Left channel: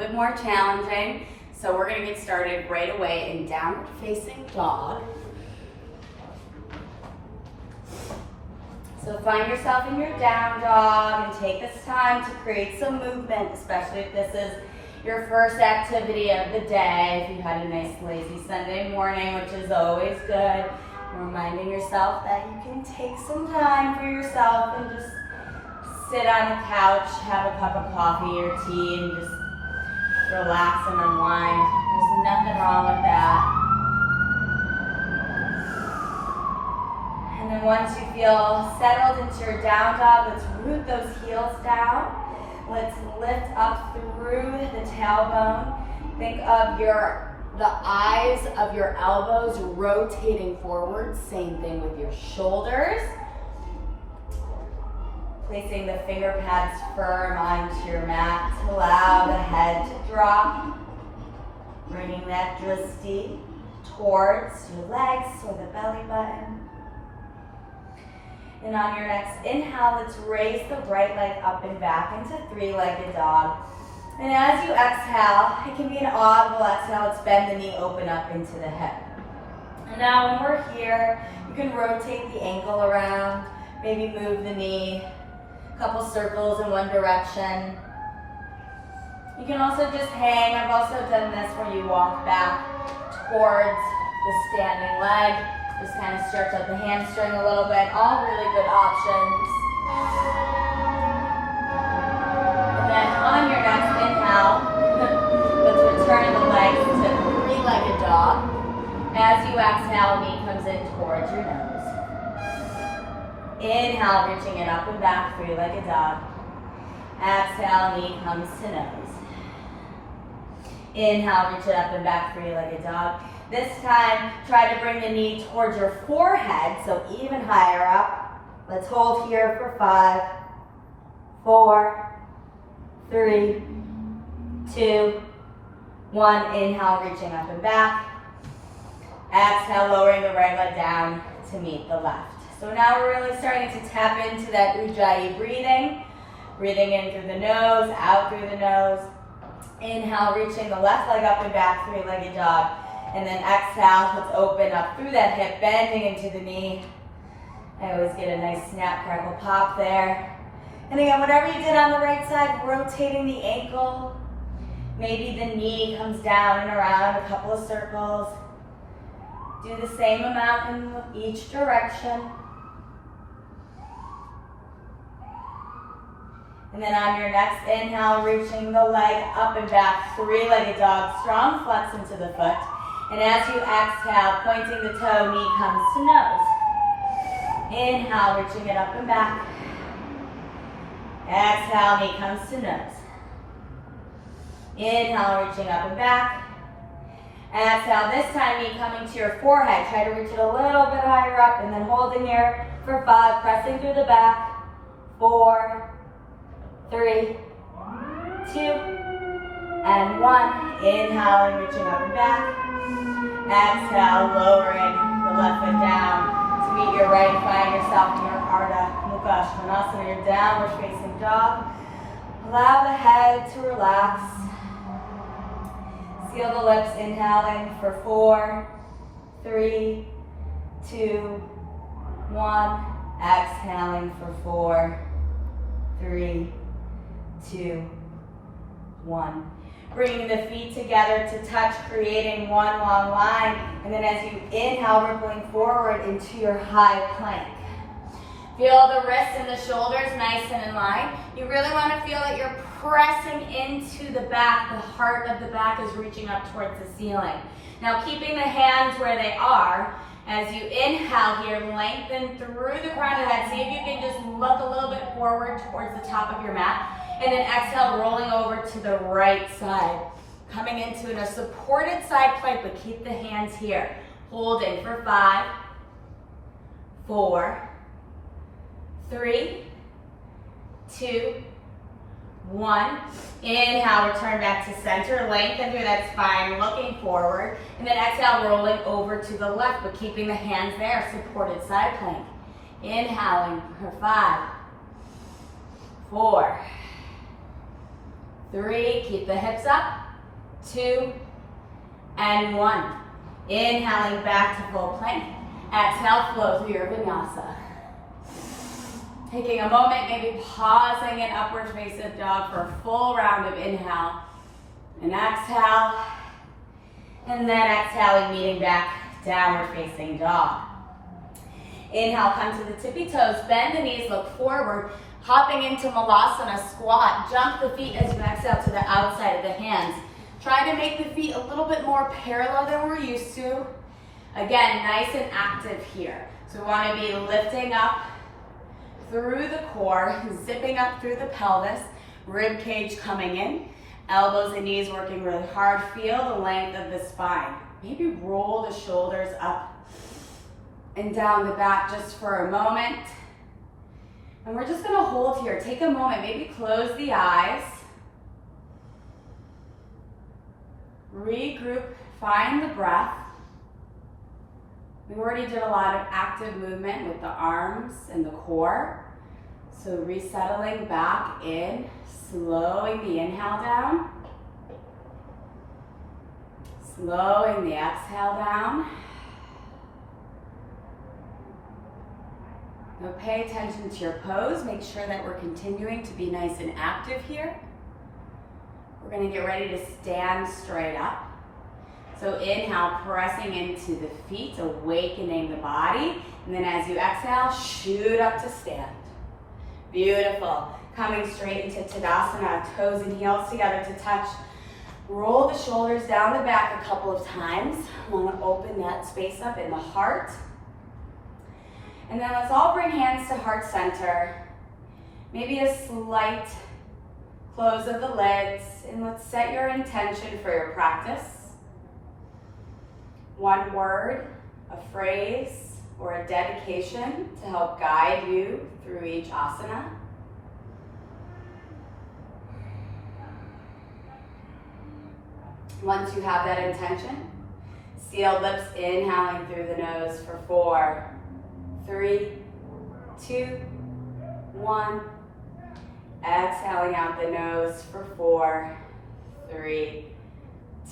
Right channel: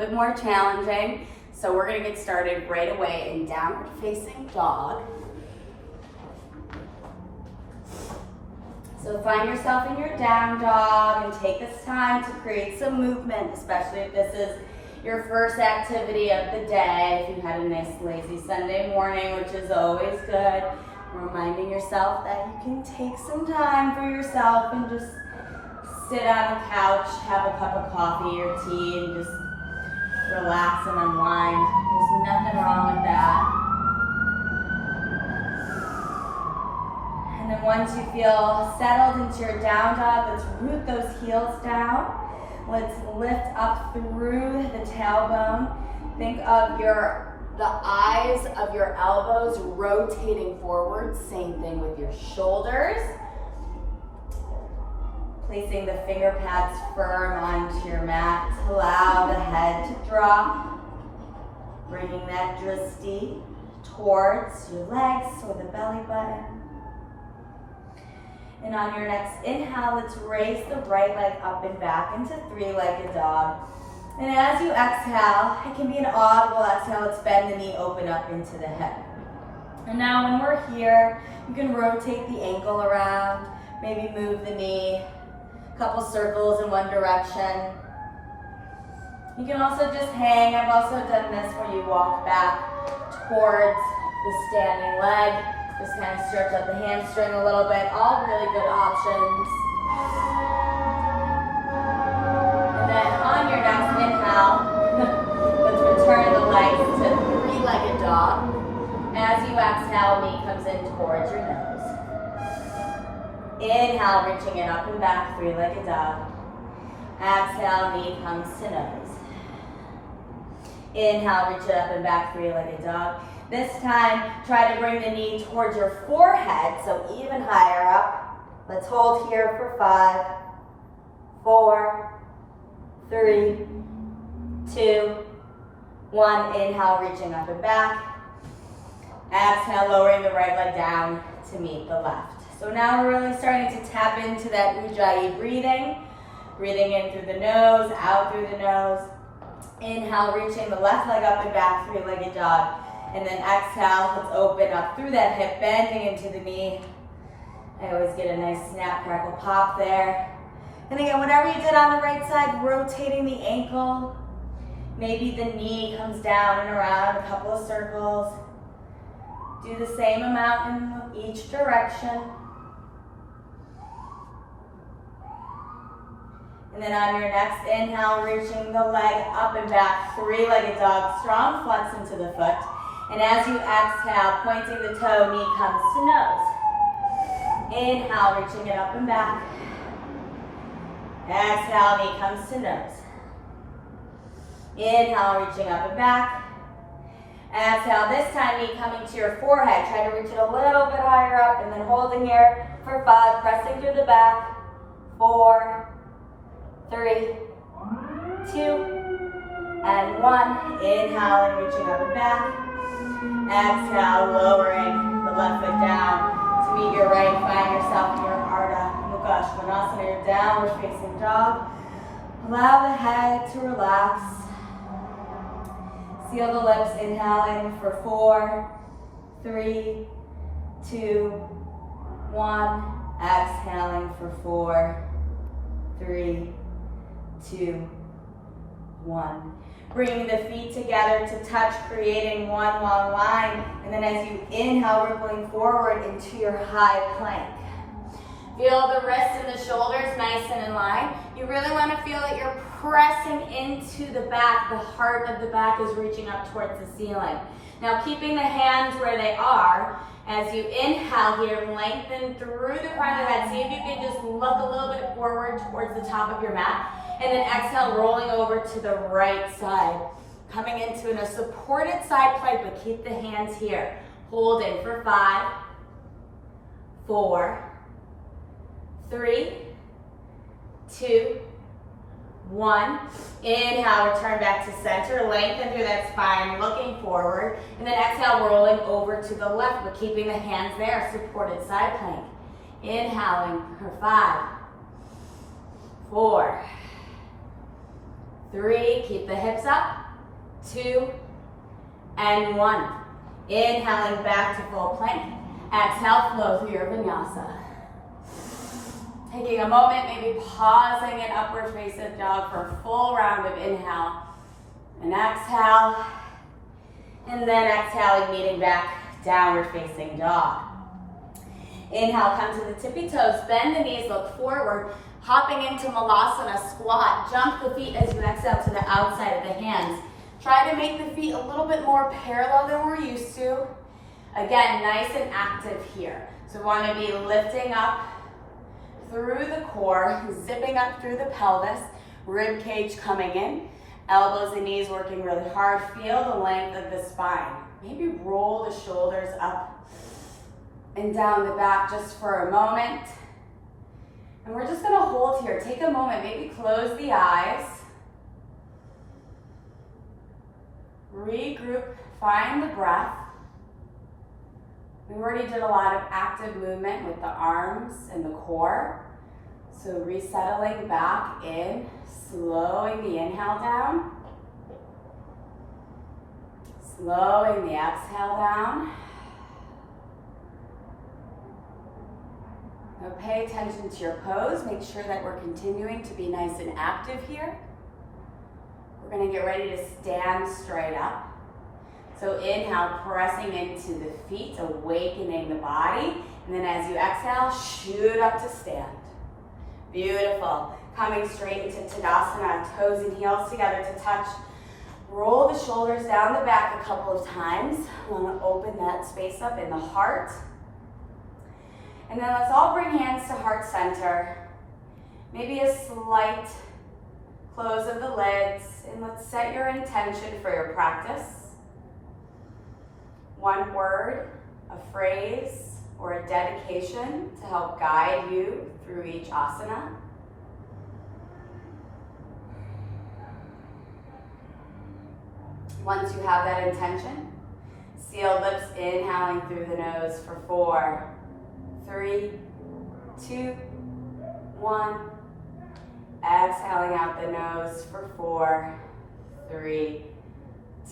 bit more challenging. So we're gonna get started right away in downward facing dog. So find yourself in your down dog and take this time to create some movement, especially if this is your first activity of the day. If you had a nice lazy Sunday morning, which is always good, reminding yourself that you can take some time for yourself and just sit on the couch, have a cup of coffee or tea, and just relax and unwind. There's nothing wrong with that. And then once you feel settled into your down dog, let's root those heels down. Let's lift up through the tailbone. Think of the eyes of your elbows rotating forward. Same thing with your shoulders. Placing the finger pads firm onto your mat. Allow the head to drop. Bringing that drishti towards your legs or the belly button. And on your next inhale, let's raise the right leg up and back into three-legged dog. And as you exhale, it can be an audible exhale. Let's bend the knee, open up into the hip. And now when we're here, you can rotate the ankle around, maybe move the knee, a couple circles in one direction. You can also just hang. I've also done this where you walk back towards the standing leg. Just kind of stretch out the hamstring a little bit. All really good options. And then on your next inhale, let's return the legs to three-legged dog. As you exhale, knee comes in towards your nose. Inhale, reaching it up and back, three-legged dog. Exhale, knee comes to nose. Inhale, reach it up and back, three-legged dog. This time, try to bring the knee towards your forehead, so even higher up. Let's hold here for 5, 4, 3, 2, 1. Inhale, reaching up and back. Exhale, lowering the right leg down to meet the left. So now we're really starting to tap into that Ujjayi breathing. Breathing in through the nose, out through the nose. Inhale, reaching the left leg up and back, three-legged dog. And then exhale, let's open up through that hip, bending into the knee. I always get a nice snap, crackle, pop there. And again, whatever you did on the right side, rotating the ankle. Maybe the knee comes down and around a couple of circles. Do the same amount in each direction. And then on your next inhale, reaching the leg up and back, three-legged dog, strong flex into the foot. And as you exhale, pointing the toe, knee comes to nose. Inhale, reaching it up and back. Exhale, knee comes to nose. Inhale, reaching up and back. Exhale, this time knee coming to your forehead. Try to reach it a little bit higher up and then holding here for 5, pressing through the back. 4, 3, 2, and 1. Inhaling, reaching up and back. Exhale, lowering the left foot down to meet your right. Find yourself in your Ardha Mukha Svanasana, your downward facing dog. Allow the head to relax. Seal the lips, inhaling for 4, 3, 2, 1. Exhaling for 4, 3, 2, 1. Bringing the feet together to touch, creating one long line. And then as you inhale, rippling forward into your high plank. Feel the wrists and the shoulders nice and in line. You really want to feel that you're pressing into the back. The heart of the back is reaching up towards the ceiling. Now keeping the hands where they are. As you inhale here, lengthen through the crown of the head. See if you can just look a little bit forward towards the top of your mat. And then exhale, rolling over to the right side. Coming into a supported side plank, but keep the hands here. Holding for 5, 4, 3, 2, 1. Inhale, return back to center. Lengthen through that spine, looking forward. And then exhale, rolling over to the left, but keeping the hands there, supported side plank. Inhaling for 5, 4, 3, keep the hips up, 2, and 1. Inhaling back to full plank. Exhale, flow through your vinyasa. Taking a moment, maybe pausing in upward facing dog for a full round of inhale. And exhale. And then exhaling, meeting back, downward facing dog. Inhale, come to the tippy toes, bend the knees, look forward. Hopping into malasana, squat. Jump the feet as you exhale to the outside of the hands. Try to make the feet a little bit more parallel than we're used to. Again, nice and active here. So we want to be lifting up through the core, zipping up through the pelvis, rib cage coming in, elbows and knees working really hard. Feel the length of the spine. Maybe roll the shoulders up and down the back just for a moment. And we're just going to hold here. Take a moment, maybe close the eyes. Regroup, find the breath. We already did a lot of active movement with the arms and the core. So resettling back in, slowing the inhale down. Slowing the exhale down. Now pay attention to your pose. Make sure that we're continuing to be nice and active here. We're going to get ready to stand straight up. So inhale, pressing into the feet, awakening the body. And then as you exhale, shoot up to stand. Beautiful. Coming straight into Tadasana, toes and heels together to touch. Roll the shoulders down the back a couple of times. I want to open that space up in the heart. And then let's all bring hands to heart center. Maybe a slight close of the lids. And let's set your intention for your practice. One word, a phrase, or a dedication to help guide you through each asana. Once you have that intention, sealed lips, inhaling through the nose for 4, 3, 2, 1. Exhaling out the nose for 4, 3,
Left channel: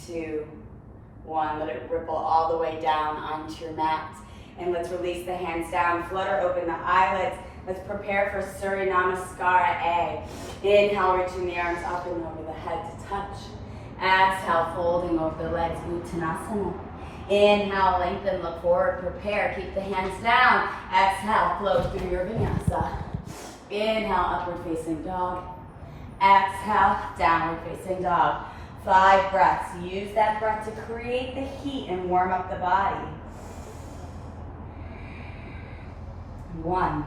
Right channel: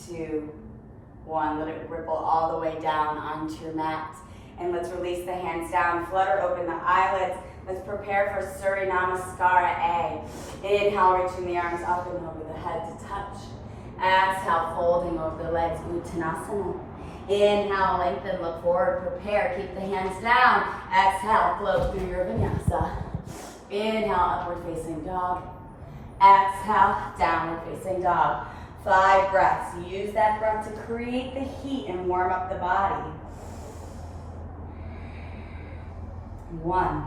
2, 1. Let it ripple all the way down onto your mat. And let's release the hands down, flutter open the eyelids. Let's prepare for Surya Namaskara A. Inhale, reaching the arms up and over the head to touch. Exhale, folding over the legs, Uttanasana. Inhale, lengthen, look forward, prepare, keep the hands down. Exhale, flow through your vinyasa. Inhale, upward facing dog. Exhale, downward facing dog. 5 breaths. Use that breath to create the heat and warm up the body. 1.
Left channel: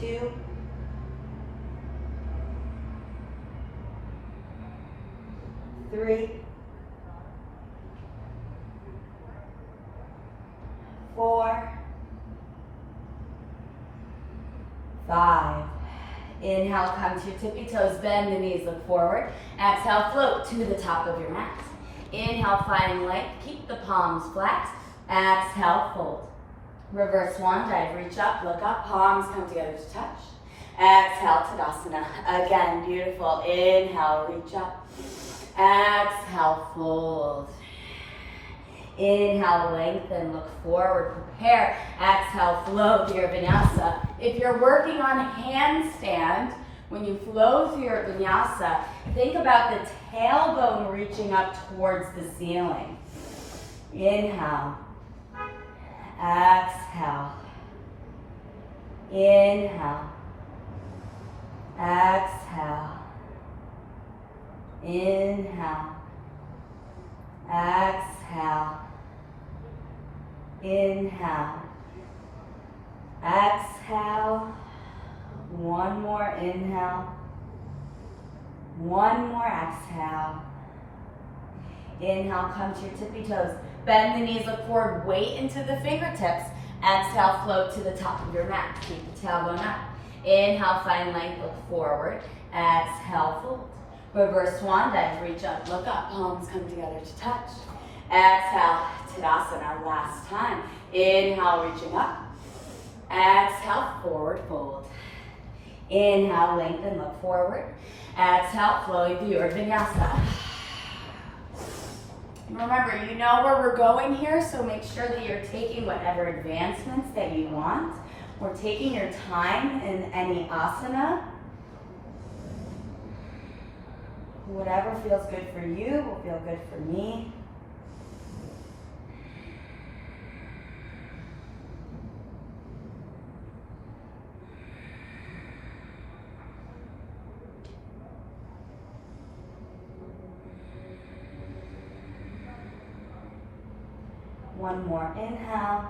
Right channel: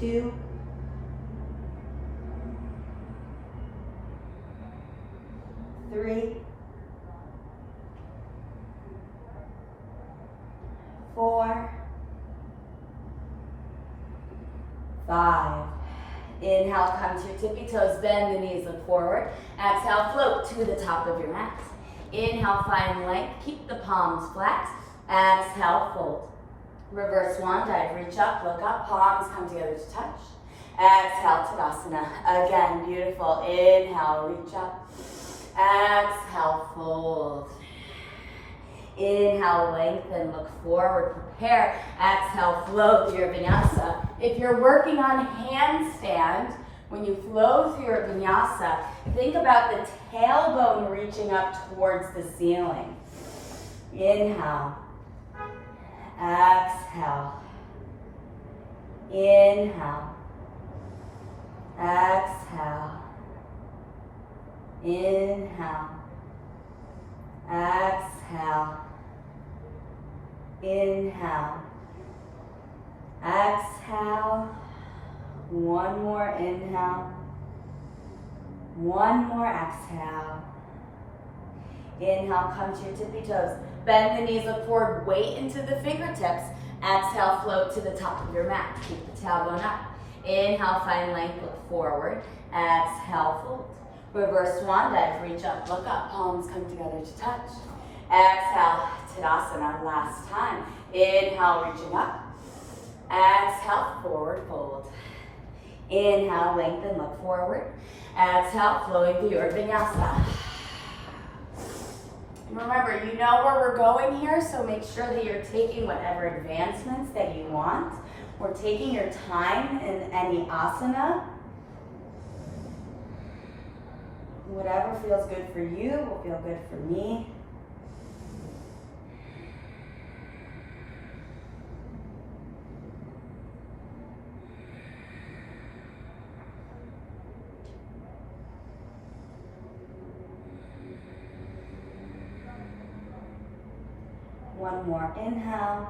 2. 3. 4. 5. Inhale, come to your tippy toes, bend the knees, look forward. Exhale, float to the top of your mat. Inhale, find length, keep the palms flat. Exhale, fold. Reverse swan dive, reach up, look up, palms come together to touch. Exhale, Tadasana. Again, beautiful. Inhale, reach up. Exhale, fold. Inhale, lengthen, look forward, prepare. Exhale, flow through your vinyasa. If you're working on handstand, when you flow through your vinyasa, think about the tailbone reaching up towards the ceiling. Inhale. Exhale. Inhale. Exhale. Inhale. Exhale. Inhale. Exhale. One more inhale. One more exhale. Inhale, come to your tippy toes. Bend the knees, look forward, weight into the fingertips. Exhale, float to the top of your mat. Keep the tailbone up. Inhale, find length, look forward. Exhale, fold. Reverse swan dive, reach up, look up, palms come together to touch. Exhale, Tadasana, last time. Inhale, reaching up. Exhale, forward fold. Inhale, lengthen, look forward. Exhale, flowing through your vinyasa. Remember, you know where we're going here, so make sure that you're taking whatever advancements that you want, or taking your time in any asana. Whatever feels good for you will feel good for me. One more inhale.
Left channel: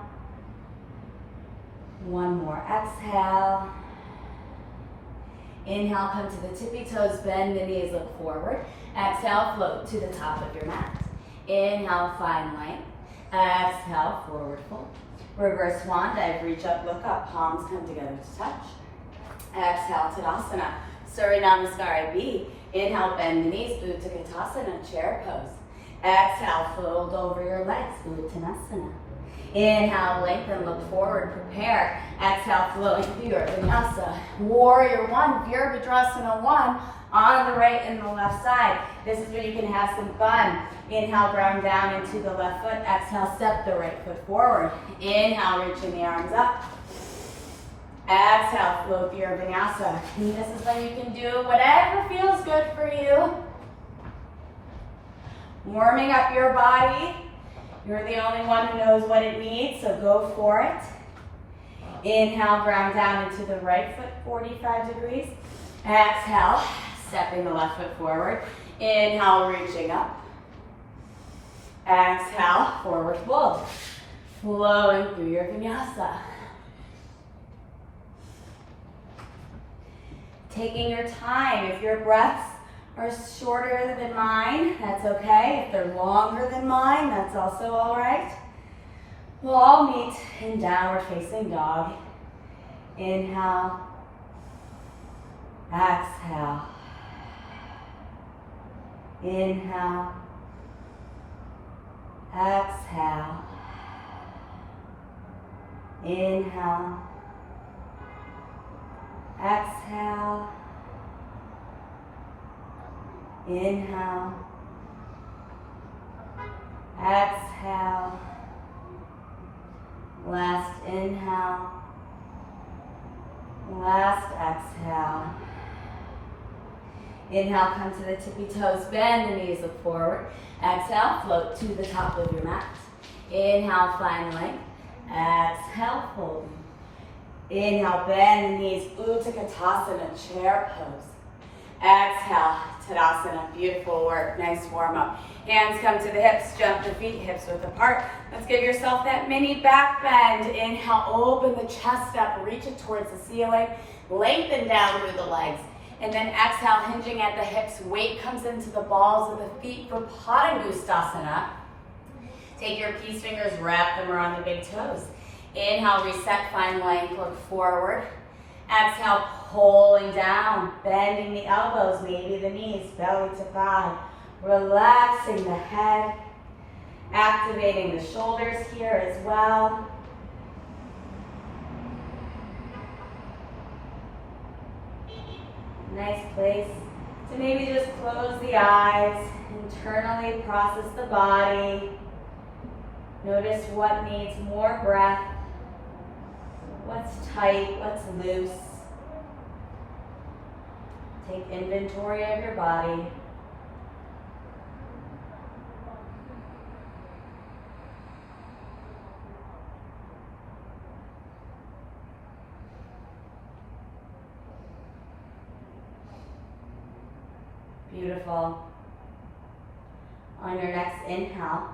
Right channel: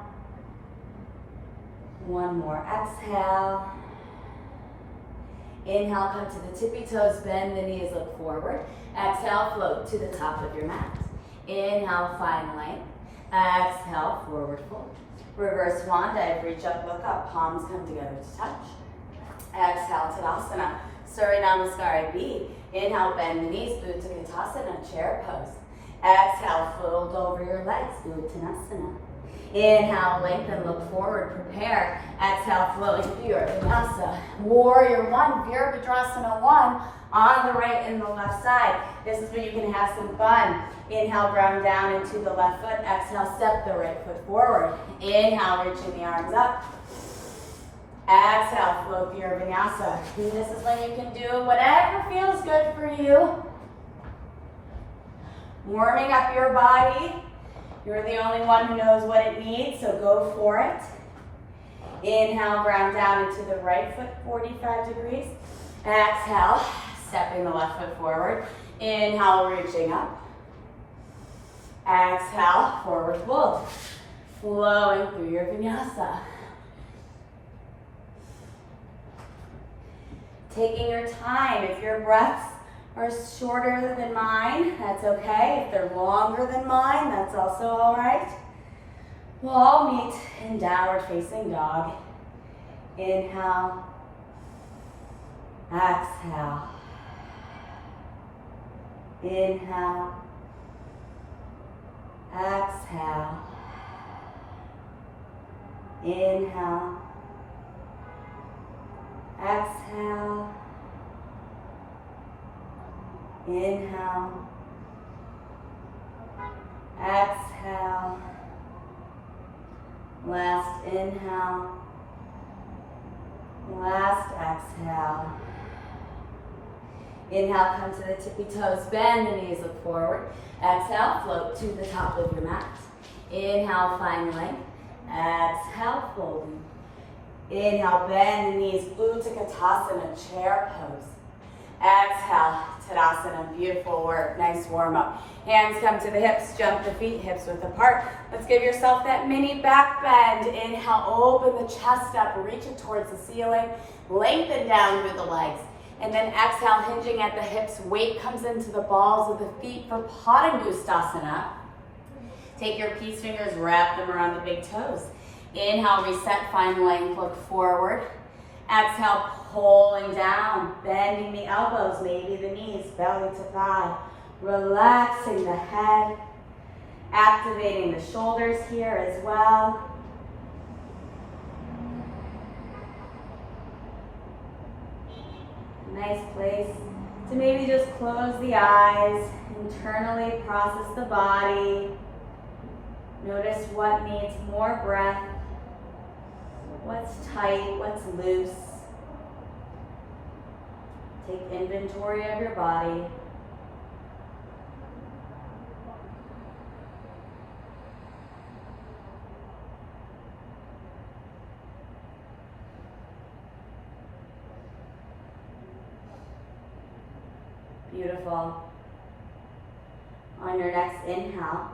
One more exhale. Inhale, come to the tippy toes, bend the knees, look forward. Exhale, float to the top of your mat. Inhale, find length. Exhale, forward fold. Reverse swan dive, reach up, look up, palms come together to touch. Exhale, Tadasana. Surya Namaskara B. Inhale, bend the knees, Utthita Konasana, chair pose. Exhale, fold over your legs, Uttanasana. Inhale, lengthen, look forward, prepare. Exhale, flowing through your vinyasa. Warrior one, Virabhadrasana one, on the right and the left side. This is where you can have some fun. Inhale, ground down into the left foot. Exhale, step the right foot forward. Inhale, reaching the arms up. Exhale, flow through your vinyasa. And this is when you can do whatever feels good for you. Warming up your body. You're the only one who knows what it needs, so go for it. Inhale, ground down into the right foot, 45 degrees. Exhale, stepping the left foot forward. Inhale, reaching up. Exhale, forward fold. Flowing through your vinyasa. Taking your time. If your breaths are shorter than mine, that's okay. If they're longer than mine, that's also all right. We'll all meet in downward facing dog. Inhale. Exhale. Inhale. Exhale. Inhale. Exhale. Inhale. Exhale. Last inhale. Last exhale. Inhale, come to the tippy toes, bend the knees, look forward. Exhale, float to the top of your mat. Inhale, find length. Exhale, fold. Inhale, bend the knees, Utthita Konasana, chair pose. Exhale, Tadasana, beautiful work, nice warm up. Hands come to the hips, jump the feet, hips width apart. Let's give yourself that mini back bend. Inhale, open the chest up, reach it towards the ceiling, lengthen down through the legs. And then exhale, hinging at the hips, weight comes into the balls of the feet for Padangusthasana. Take your peace fingers, wrap them around the big toes. Inhale, reset, find length, look forward. Exhale, pulling down, bending the elbows, maybe the knees, belly to thigh. Relaxing the head, activating the shoulders here as well. Nice place to maybe just close the eyes, internally process the body. Notice what needs more breath, what's tight, what's loose. Take inventory of your body. Beautiful. On your next inhale,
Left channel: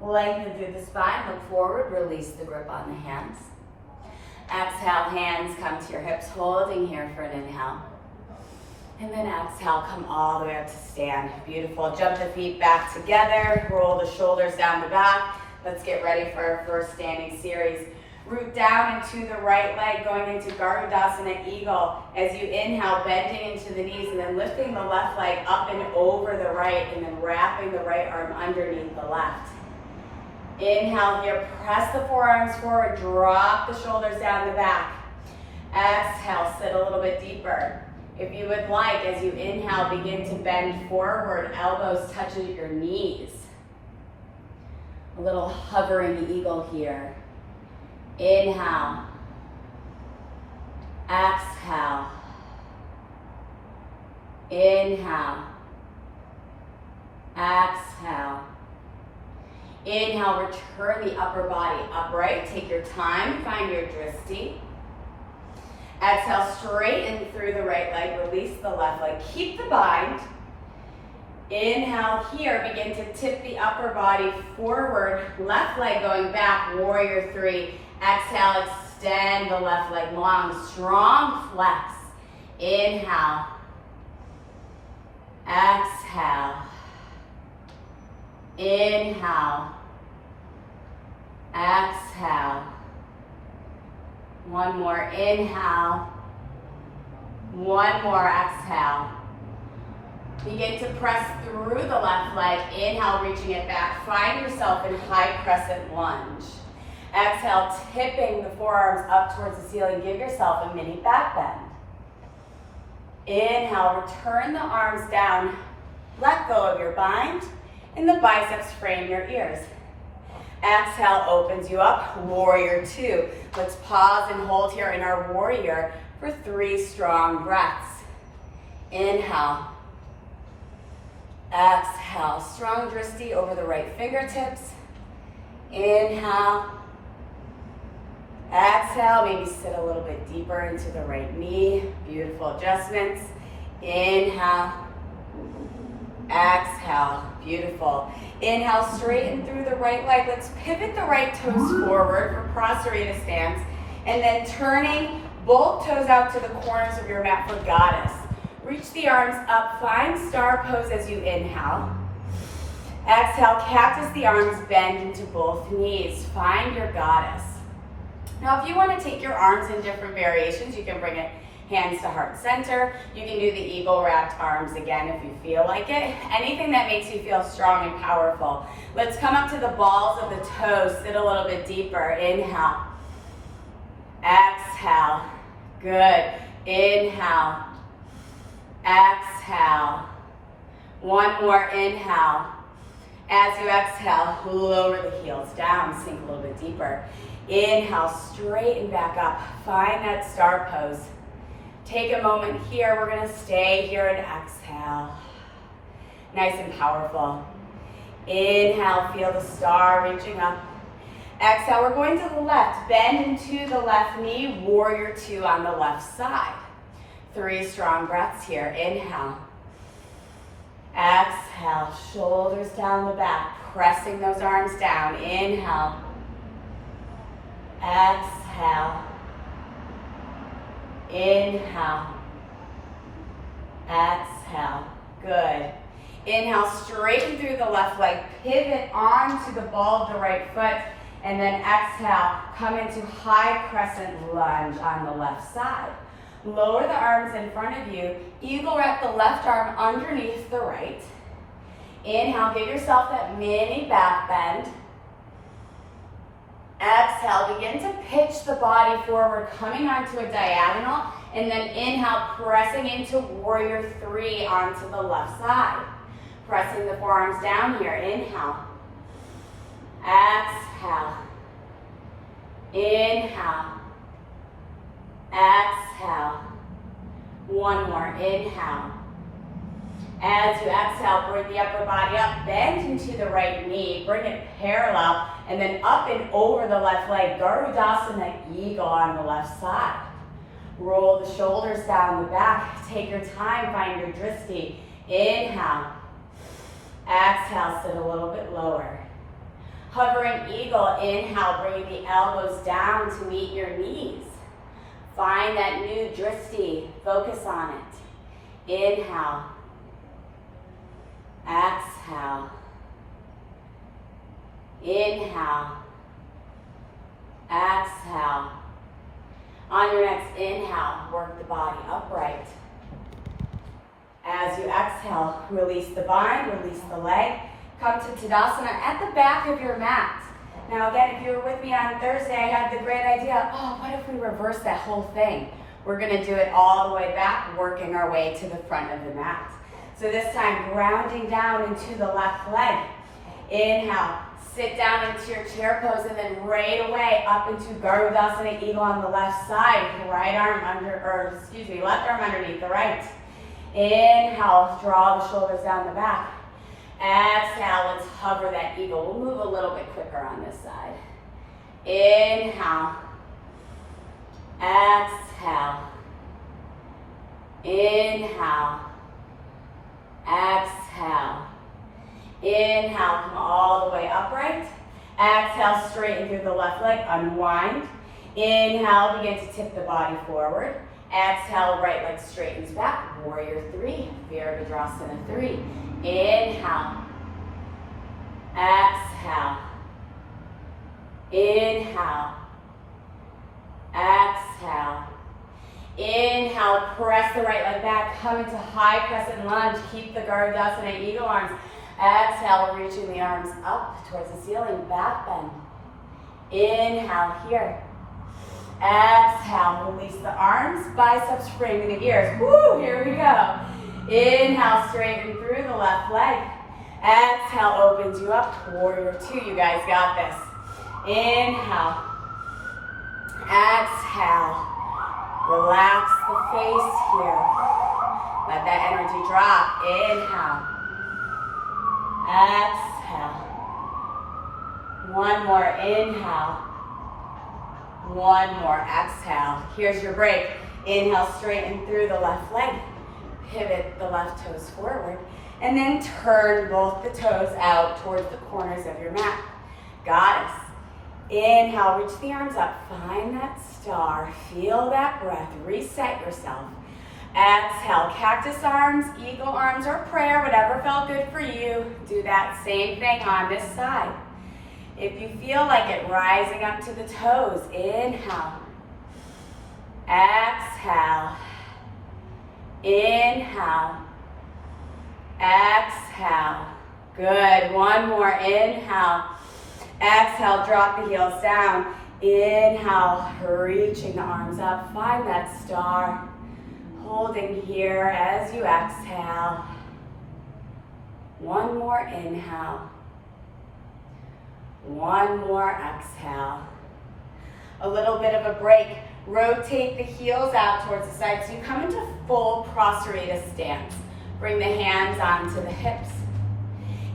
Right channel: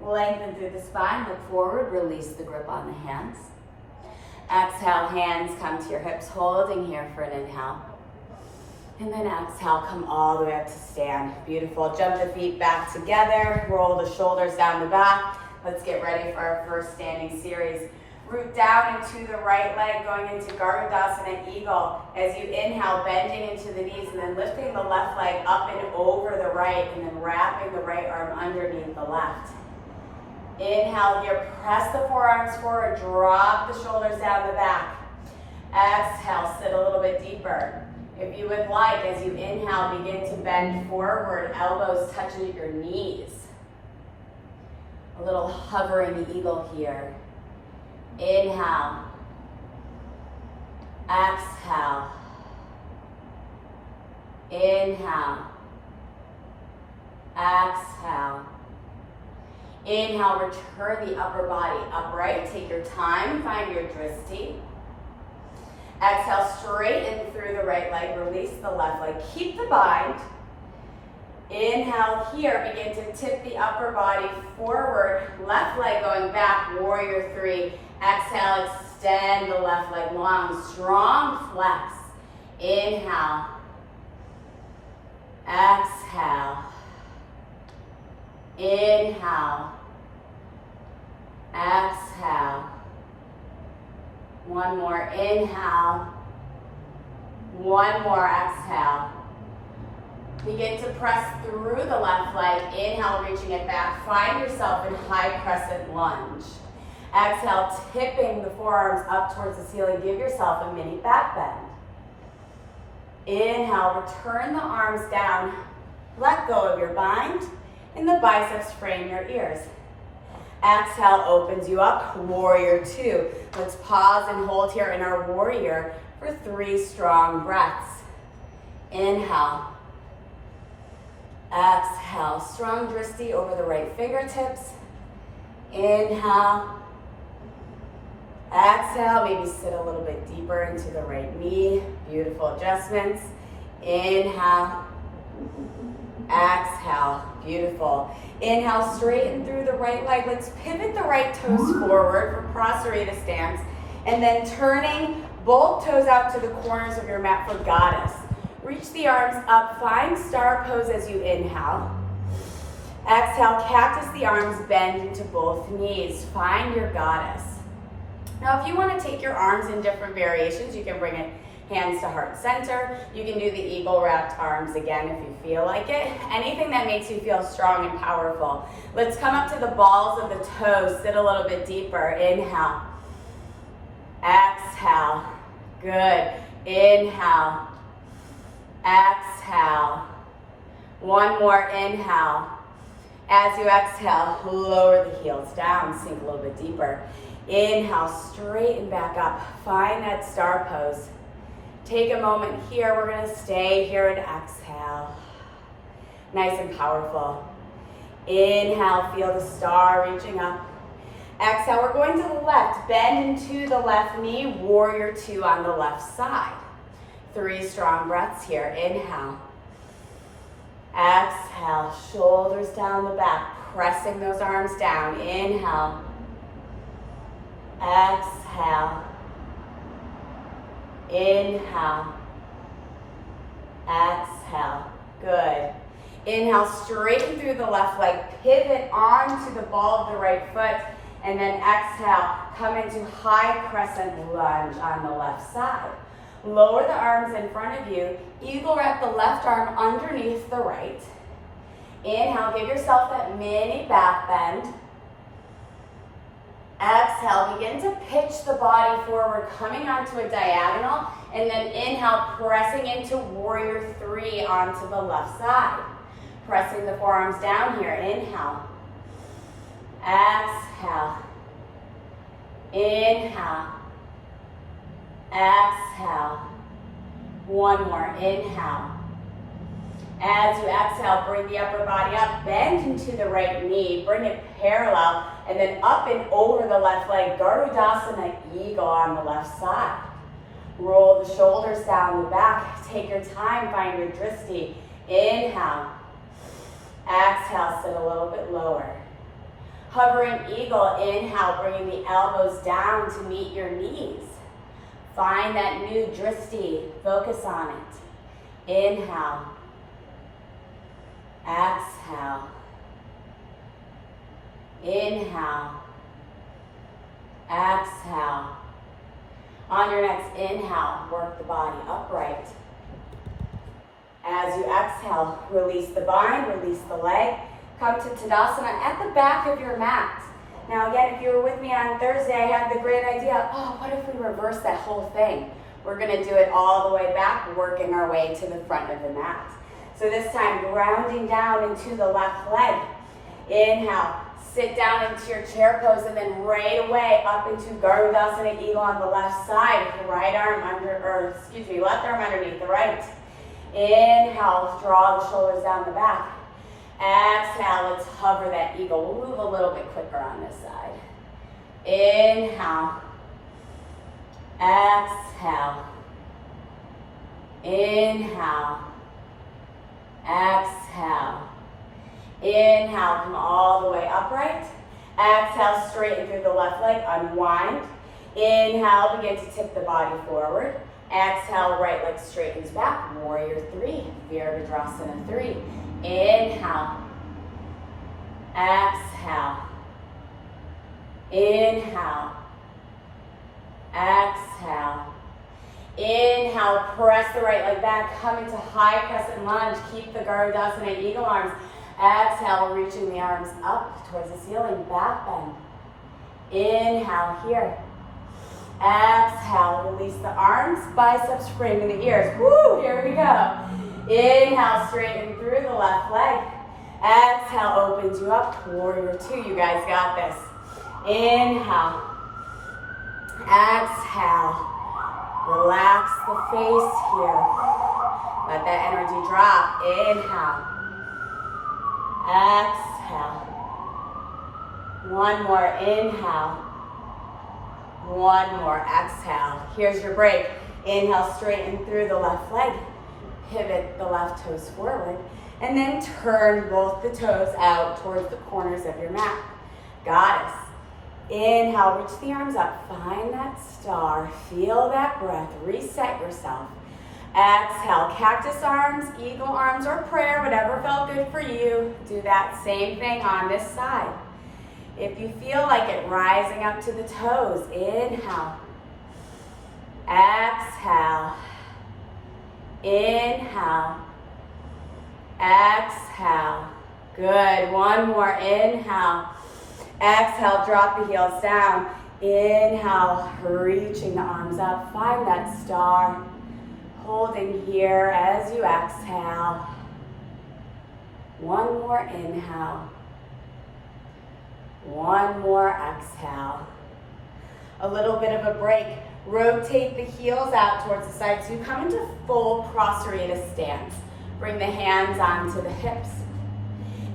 lengthen through the spine, look forward, release the grip on the hands. Exhale, hands come to your hips, holding here for an inhale. And then exhale, come all the way up to stand. Beautiful. Jump the feet back together, roll the shoulders down the back. Let's get ready for our first standing series. Root down into the right leg, going into Garudasana Eagle. As you inhale, bending into the knees, and then lifting the left leg up and over the right, and then wrapping the right arm underneath the left. Inhale here, press the forearms forward, drop the shoulders down the back. Exhale, sit a little bit deeper. If you would like, as you inhale, begin to bend forward, elbows touching your knees. A little hovering eagle here. Inhale. Exhale. Inhale. Exhale. Inhale, return the upper body upright. Take your time, find your drishti. Exhale, straighten through the right leg, release the left leg. Keep the bind. Inhale here, begin to tip the upper body forward, left leg going back, warrior three. Exhale, extend the left leg long, strong flex. Inhale. Exhale. Inhale. Exhale. One more inhale. One more exhale. Begin to press through the left leg. Inhale, reaching it back. Find yourself in high crescent lunge. Exhale, tipping the forearms up towards the ceiling. Give yourself a mini back bend. Inhale, return the arms down. Let go of your bind, and the biceps frame your ears. Exhale opens you up, warrior two. Let's pause and hold here in our warrior for 3 strong breaths. Inhale. Exhale, strong drishti over the right fingertips. Inhale. Exhale, maybe sit a little bit deeper into the right knee. Beautiful adjustments. Inhale. Exhale, beautiful. Inhale, straighten through the right leg. Let's pivot the right toes forward for Prasarita stance. And then turning both toes out to the corners of your mat for goddess. Reach the arms up, find star pose as you inhale. Exhale, cactus the arms, bend into both knees. Find your goddess. Now if you want to take your arms in different variations, you can bring it hands to heart center. You can do the eagle wrapped arms again if you feel like it. Anything that makes you feel strong and powerful. Let's come up to the balls of the toes, sit a little bit deeper. Inhale. Exhale. Good. Inhale. Exhale. One more inhale. As you exhale, lower the heels down, sink a little bit deeper. Inhale, straighten back up. Find that star pose. Take a moment here. We're going to stay here and exhale. Nice and powerful. Inhale, feel the star reaching up. Exhale, we're going to the left. Bend into the left knee, warrior two on the left side. 3 strong breaths here. Inhale. Exhale, shoulders down the back, pressing those arms down. Inhale. Exhale. Inhale. Exhale. Good. Inhale, straighten through the left leg, pivot onto the ball of the right foot, and then exhale, come into high crescent lunge on the left side. Lower the arms in front of you, eagle wrap the left arm underneath the right. Inhale, give yourself that mini back bend. Exhale, begin to pitch the body forward, coming onto a diagonal, and then inhale, pressing into warrior three onto the left side. Pressing the forearms down here, inhale. Exhale. Inhale. Exhale. One more, inhale. As you exhale, bring the upper body up, bend into the right knee, bring it parallel, and then up and over the left leg, Garudasana eagle on the left side. Roll the shoulders down the back, take your time, find your drishti. Inhale. Exhale, sit a little bit lower. Hovering eagle, inhale, bringing the elbows down to meet your knees. Find that new drishti, focus on it. Inhale. Exhale. Inhale. Exhale. On your next inhale, work the body upright. As you exhale, release the bind, release the leg. Come to Tadasana at the back of your mat. Now again, if you were with me on Thursday, I had the great idea, oh, what if we reverse that whole thing? We're gonna do it all the way back, working our way to the front of the mat. So this time, grounding down into the left leg. Inhale, sit down into your chair pose, and then right away up into Garudasana Eagle on the left side. Right arm left arm underneath the right. Inhale, draw the shoulders down the back. Exhale, let's hover that eagle. We'll move a little bit quicker on this side. Inhale. Exhale. Inhale. Exhale. Inhale, come all the way upright. Exhale, straighten through the left leg, unwind. Inhale, begin to tip the body forward. Exhale, right leg straightens back. Warrior 3, Virabhadrasana 3. Inhale. Exhale. Inhale. Exhale. Inhale, press the right leg back, come into high crescent lunge. Keep the Garudasana Eagle arms. Exhale, reaching the arms up towards the ceiling, back bend. Inhale here. Exhale, release the arms, biceps framing the ears. Woo, here we go. Inhale, straighten through the left leg. Exhale, opens you up. Warrior 2, you guys got this. Inhale. Exhale. Relax the face here. Let that energy drop. Inhale. Exhale. One more inhale. One more exhale. Here's your break. Inhale, straighten through the left leg. Pivot the left toes forward. And then turn both the toes out towards the corners of your mat. Goddess. Inhale, reach the arms up. Find that star. Feel that breath. Reset yourself. Exhale, cactus arms, eagle arms, or prayer, whatever felt good for you. Do that same thing on this side. If you feel like it, rising up to the toes. Inhale. Exhale. Inhale. Exhale. Good. One more. Inhale. Exhale, drop the heels down. Inhale, reaching the arms up. Find that star. Holding here as you exhale. One more inhale. One more exhale. A little bit of a break. Rotate the heels out towards the side so you come into full Prasarita stance. Bring the hands onto the hips.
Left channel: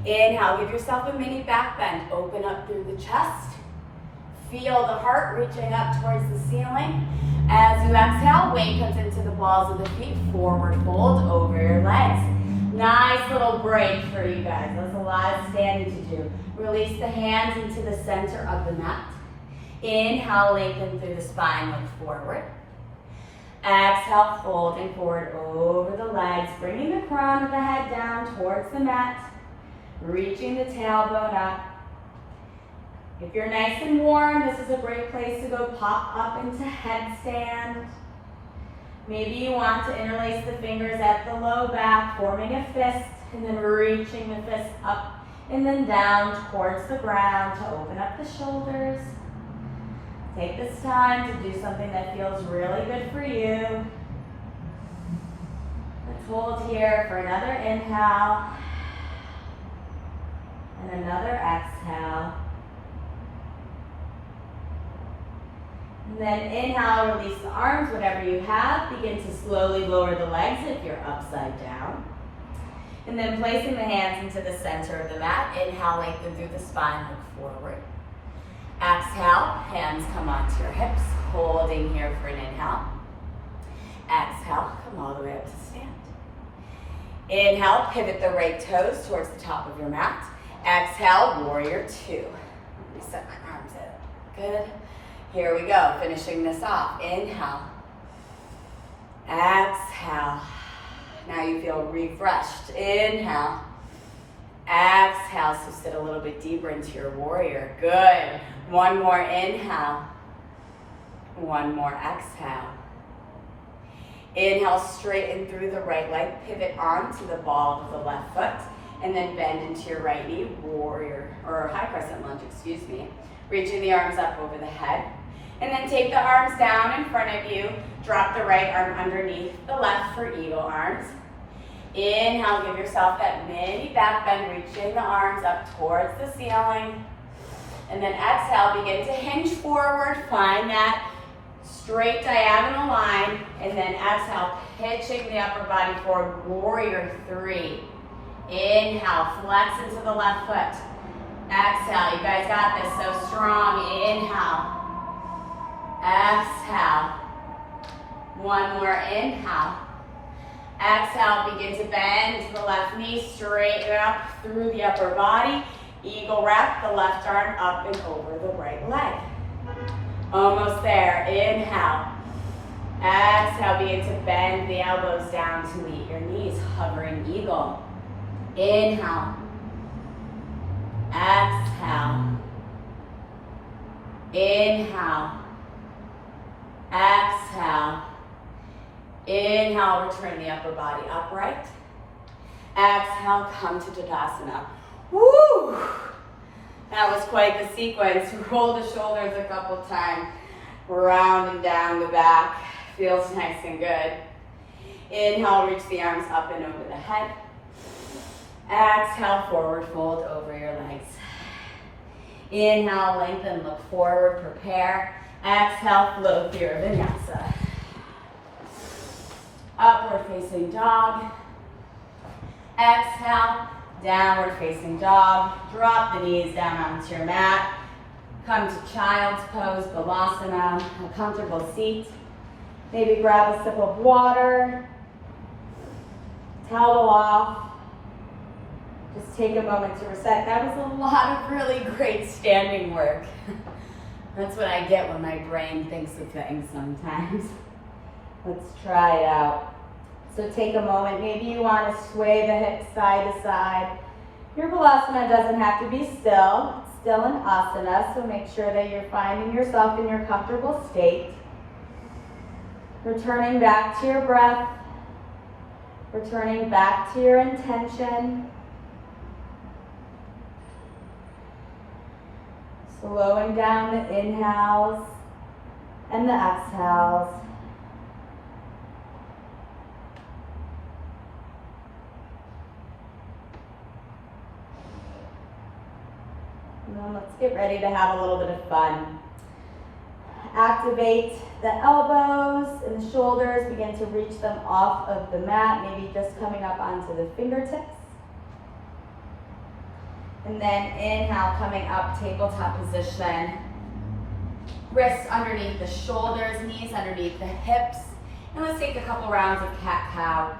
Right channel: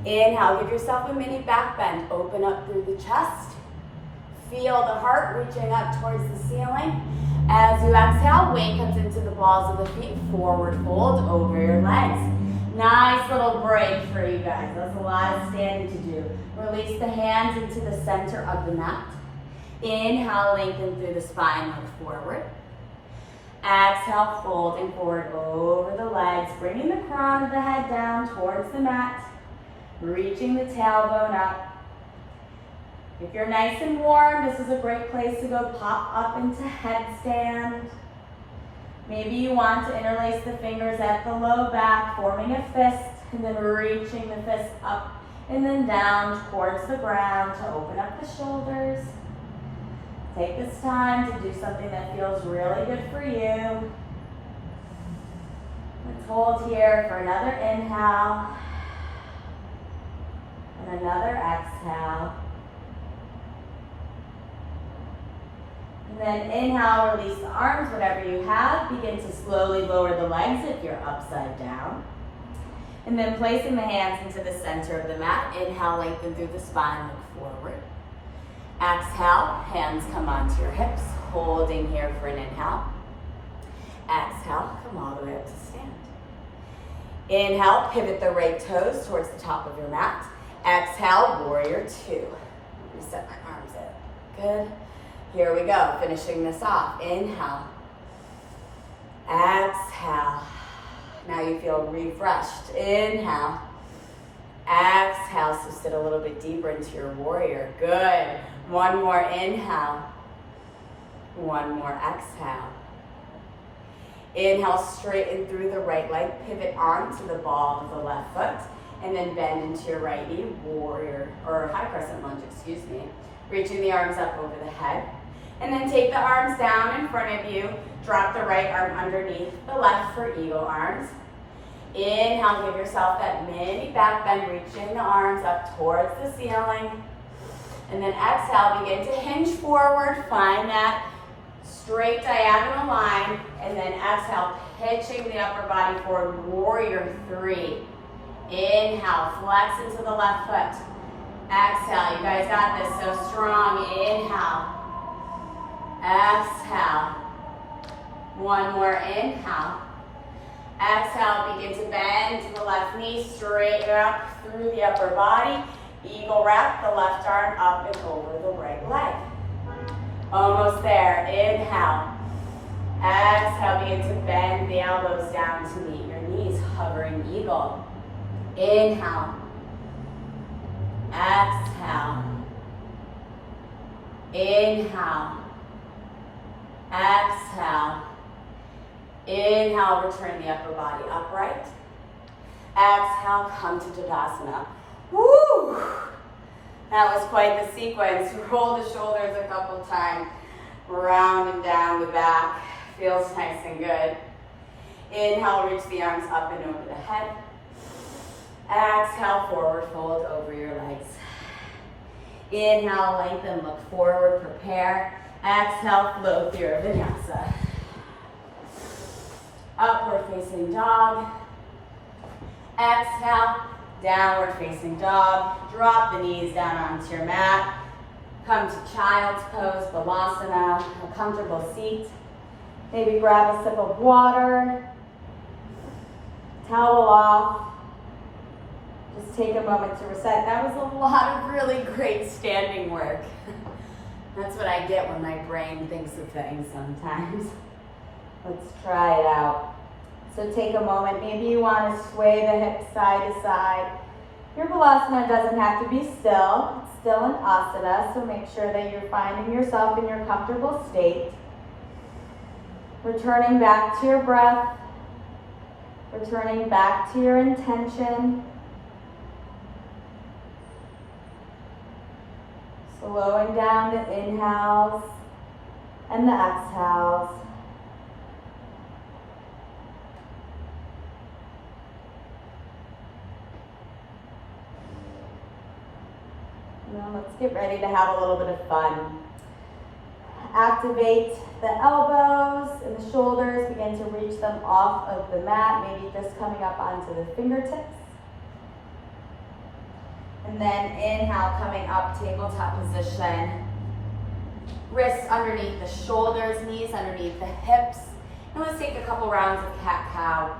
Inhale, give yourself a mini back bend. Open up through the chest. Feel the heart reaching up towards the ceiling. As you exhale, weight comes into the balls of the feet. Forward fold over your legs. Nice little break for you guys. That was a lot of standing to do. Release the hands into the center of the mat. Inhale, lengthen through the spine, look forward. Exhale, folding forward over the legs, bringing the crown of the head down towards the mat. Reaching the tailbone up. If you're nice and warm, this is a great place to go pop up into headstand. Maybe you want to interlace the fingers at the low back, forming a fist, and then reaching the fist up and then down towards the ground to open up the shoulders. Take this time to do something that feels really good for you. Let's hold here for another inhale. And another exhale. And then inhale, release the arms, whatever you have. Begin to slowly lower the legs if you're upside down. And then placing the hands into the center of the mat. Inhale, lengthen through the spine, look forward. Exhale, hands come onto your hips. Holding here for an inhale. Exhale, come all the way up to stand. Inhale, pivot the right toes towards the top of your mat. Exhale, warrior 2. Reset my arms out. Good. Here we go, finishing this off. Inhale. Exhale. Now you feel refreshed. Inhale. Exhale, so sit a little bit deeper into your warrior. Good. One more inhale. One more exhale. Inhale, straighten through the right leg. Pivot onto the ball of the left foot. And then bend into your right knee, warrior, or high crescent lunge, excuse me. reaching the arms up over the head. And then take the arms down in front of you. Drop the right arm underneath the left for eagle arms. Inhale, give yourself that mini back bend, reaching the arms up towards the ceiling. And then exhale, begin to hinge forward. Find that straight diagonal line. And then exhale, pitching the upper body forward, warrior three. Inhale, flex into the left foot. Exhale, you guys got this, so strong. Inhale. Exhale. One more inhale. Exhale, begin to bend to the left knee, straight up through the upper body. Eagle wrap, the left arm up and over the right leg. Almost there, inhale. Exhale, begin to bend the elbows down to meet your knees, hovering eagle. Inhale. Exhale. Inhale. Exhale. Inhale, return the upper body upright. Exhale, come to Tadasana. Woo! That was quite the sequence. Roll the shoulders a couple times, round and down the back. Feels nice and good. Inhale, reach the arms up and over the head. Exhale, forward fold over your legs. Inhale, lengthen, look forward, prepare. Exhale, flow through vinyasa. Upward facing dog. Exhale, downward facing dog. Drop the knees down onto your mat. Come to child's pose, balasana, a comfortable seat. Maybe grab a sip of water. Towel off. Just take a moment to reset. That was a lot of really great standing work. That's what I get when my brain thinks of things sometimes. Let's try it out. So take a moment. Maybe you want to sway the hips side to side. Your balasana doesn't have to be still. It's still an asana, so make sure that you're finding yourself in your comfortable state. Returning back to your breath. Returning back to your intention. Slowing down the inhales and the exhales. Now let's get ready to have a little bit of fun. Activate the elbows and shoulders. Begin to reach them off of the mat, maybe just coming up onto the fingertips. And then inhale, coming up, tabletop position. Wrists underneath the shoulders, knees underneath the hips. And let's take a couple rounds of cat-cow.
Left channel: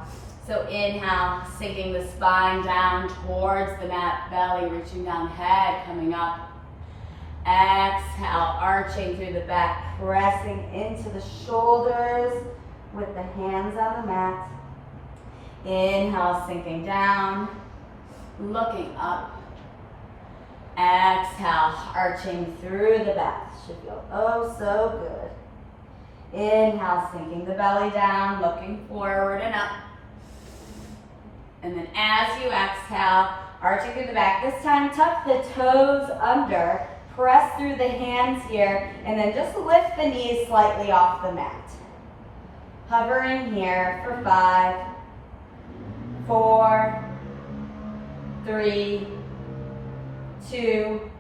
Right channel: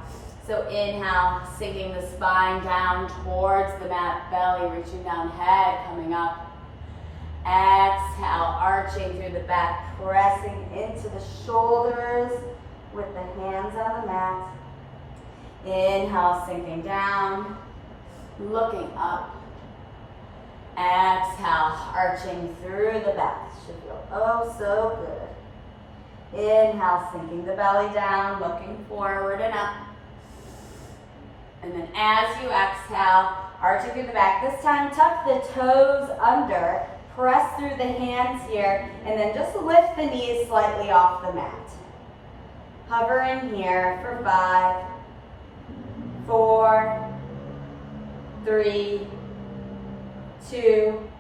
So inhale, sinking the spine down towards the mat, belly reaching down, head coming up. Exhale, arching through the back, pressing into the shoulders with the hands on the mat. Inhale, sinking down, looking up. Exhale, arching through the back. Should feel oh so good. Inhale, sinking the belly down, looking forward and up. And then as you exhale, arching through the back. This time, tuck the toes under. Press through the hands here, and then just lift the knees slightly off the mat. Hovering here for 5, 4, 3, 2,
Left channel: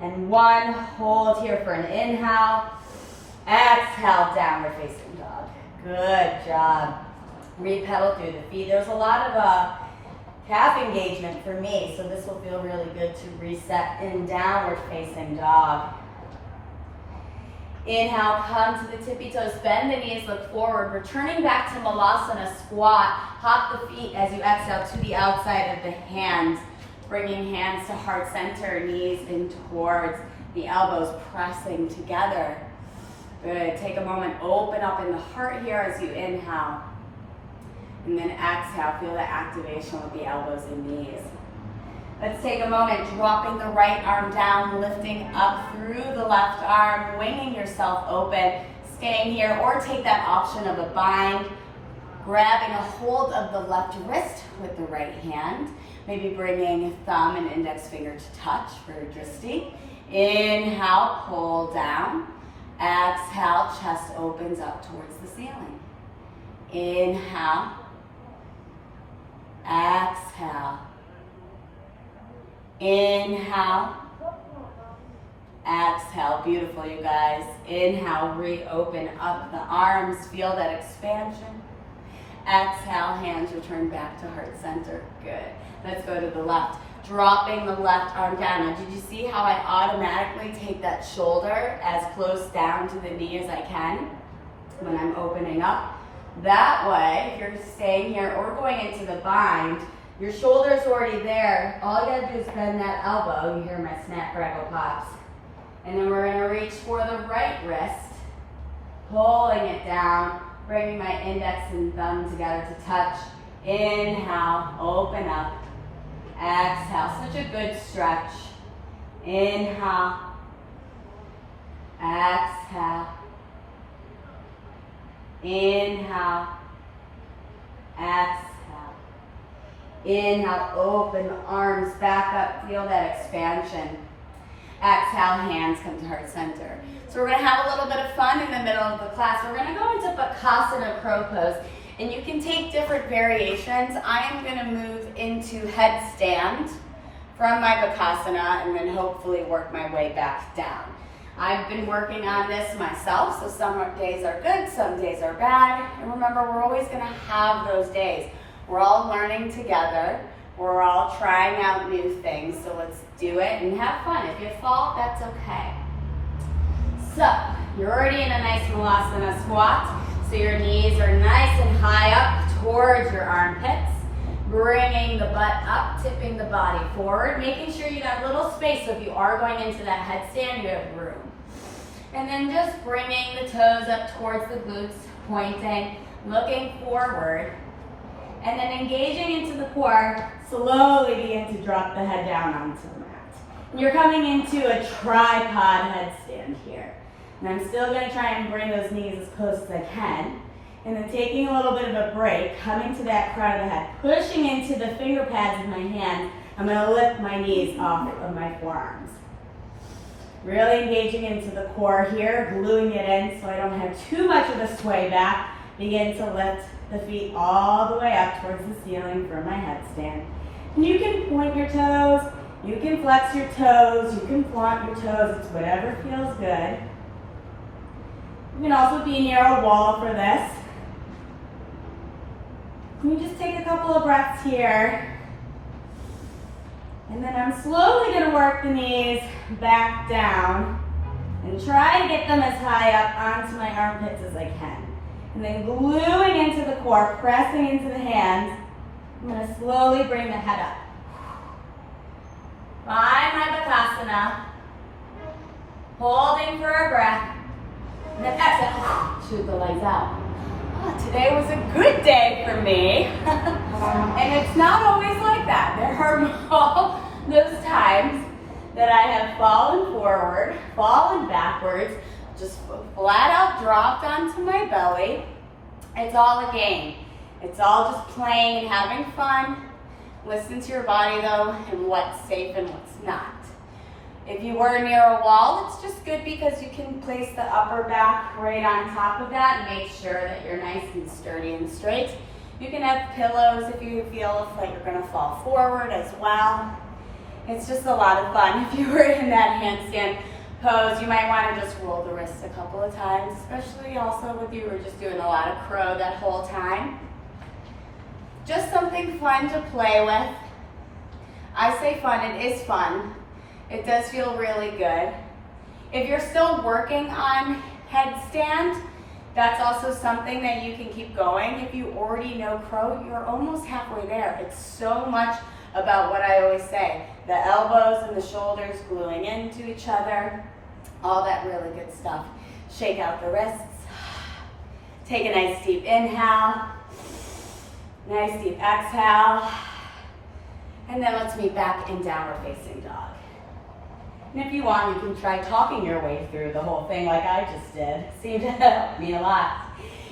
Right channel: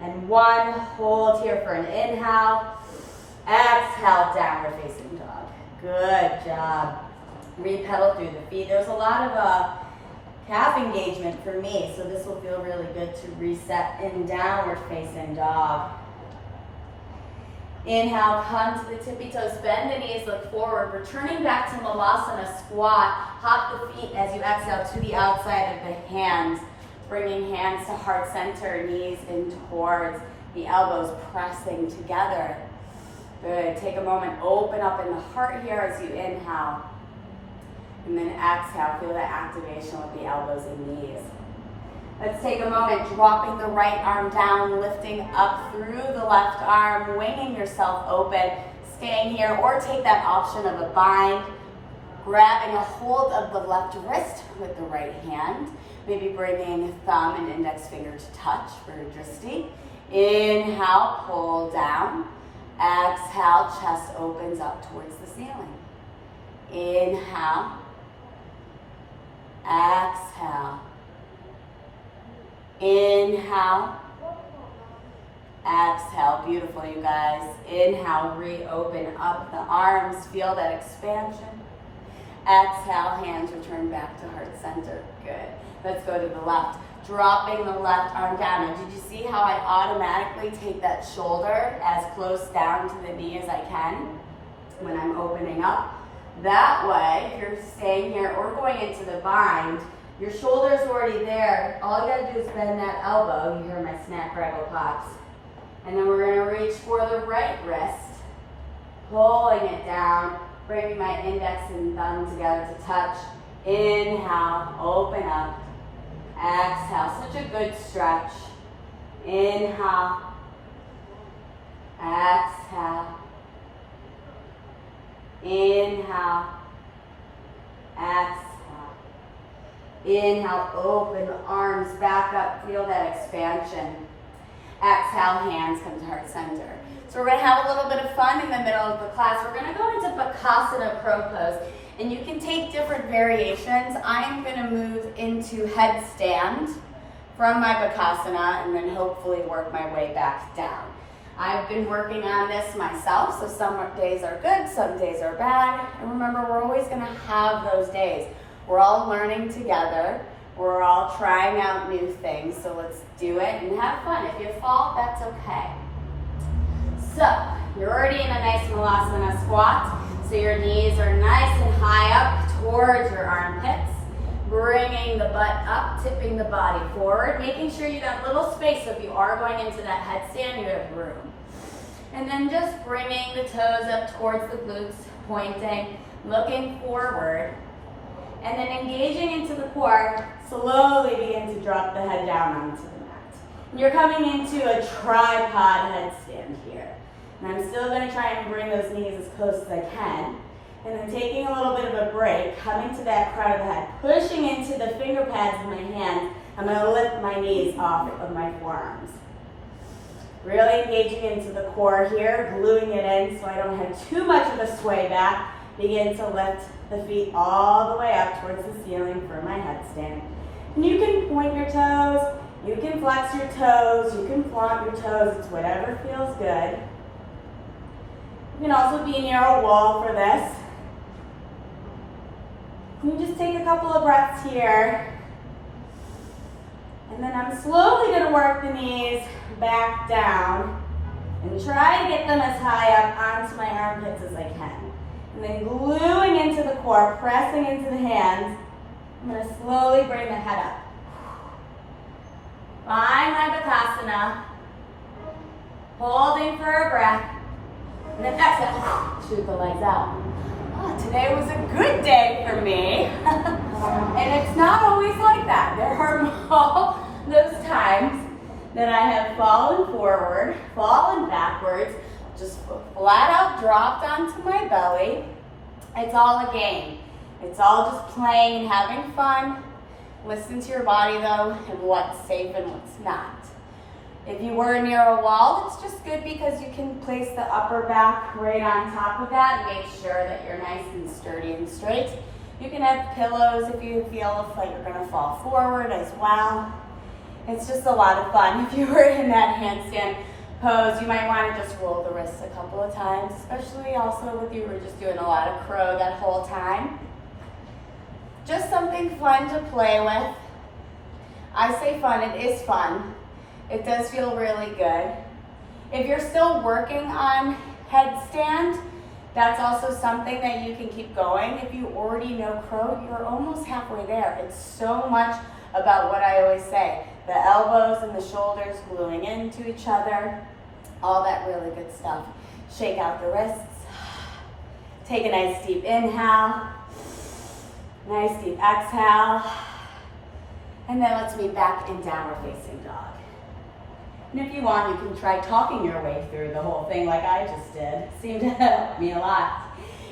and 1. Hold here for an inhale. Exhale, downward facing dog. Good job. Repel through the feet. There's a lot of calf engagement for me, so this will feel really good to reset in downward facing dog. Inhale, come to the tippy toes, bend the knees, look forward, returning back to Malasana squat. Hop the feet as you exhale to the outside of the hands, bringing hands to heart center, knees in towards the elbows, pressing together. Good, take a moment, open up in the heart here as you inhale. And then exhale, feel that activation with the elbows and knees. Let's take a moment, dropping the right arm down, lifting up through the left arm, winging yourself open, staying here, or take that option of a bind, grabbing a hold of the left wrist with the right hand, maybe bringing thumb and index finger to touch for a drishti, Inhale, pull down. Exhale, chest opens up towards the ceiling. Inhale. Exhale. Inhale. Exhale. Beautiful, you guys. Inhale, reopen up the arms. Feel that expansion. Exhale, hands return back to heart center. Good. Let's go to the left. Dropping the left arm down. Now, did you see how I automatically take that shoulder as close down to the knee as I can when I'm opening up? That way, if you're staying here or going into the bind, your shoulder's already there. All you gotta do is bend that elbow. You hear my snap, rattle, pops. And then we're gonna reach for the right wrist, pulling it down, bringing my index and thumb together to touch. Inhale, open up. Exhale, such a good stretch. Inhale. Exhale. Inhale. Exhale. Inhale, open the arms back up. Feel that expansion. Exhale, hands come to heart center. So we're going to have a little bit of fun in the middle of the class. We're going to go into Bakasana Crow Pose. And you can take different variations. I am going to move into headstand from my Bakasana and then hopefully work my way back down. I've been working on this myself, so some days are good, some days are bad. And remember, we're always going to have those days. We're all learning together. We're all trying out new things, so let's do it and have fun. If you fall, that's okay. So, you're already in a nice Malasana squat. So your knees are nice and high up towards your armpits. Bringing the butt up, tipping the body forward, making sure you got a little space so if you are going into that headstand, you have room. And then just bringing the toes up towards the glutes, pointing, looking forward. And then engaging into the core, slowly begin to drop the head down onto the mat. And you're coming into a tripod headstand here. And I'm still going to try and bring those knees as close as I can. And then taking a little bit of a break, coming to that crown of the head, pushing into the finger pads of my hands. I'm going to lift my knees off of my forearms. Really engaging into the core here, gluing it in so I don't have too much of a sway back. Begin to lift the feet all the way up towards the ceiling for my headstand. And you can point your toes, you can flex your toes, you can flaunt your toes. It's whatever feels good. You can also be near a wall for this. You just take a couple of breaths here. And then I'm slowly going to work the knees back down and try to get them as high up onto my armpits as I can. And then gluing into the core, pressing into the hands. I'm going to slowly bring the head up. Find my Bakasana. Holding for a breath. And then exhale, shoot the legs out. Oh, today was a good day for me. And it's not always like that. There are all those times that I have fallen forward, fallen backwards, just flat out dropped onto my belly. It's all a game. It's all just playing and having fun. Listen to your body though, and what's safe and what's not. If you were near a wall, it's just good because you can place the upper back right on top of that and make sure that you're nice and sturdy and straight. You can have pillows if you feel like you're going to fall forward as well. It's just a lot of fun. If you were in that handstand pose, you might want to just roll the wrists a couple of times, especially also if you were just doing a lot of crow that whole time. Just something fun to play with. I say fun, it is fun. It does feel really good. If you're still working on headstand, that's also something that you can keep going. If you already know crow, you're almost halfway there. It's so much about what I always say. The elbows and the shoulders gluing into each other. All that really good stuff. Shake out the wrists. Take a nice deep inhale. Nice deep exhale. And then let's meet back in downward facing dog. And if you want, you can try talking your way through the whole thing like I just did. Seemed to help me a lot.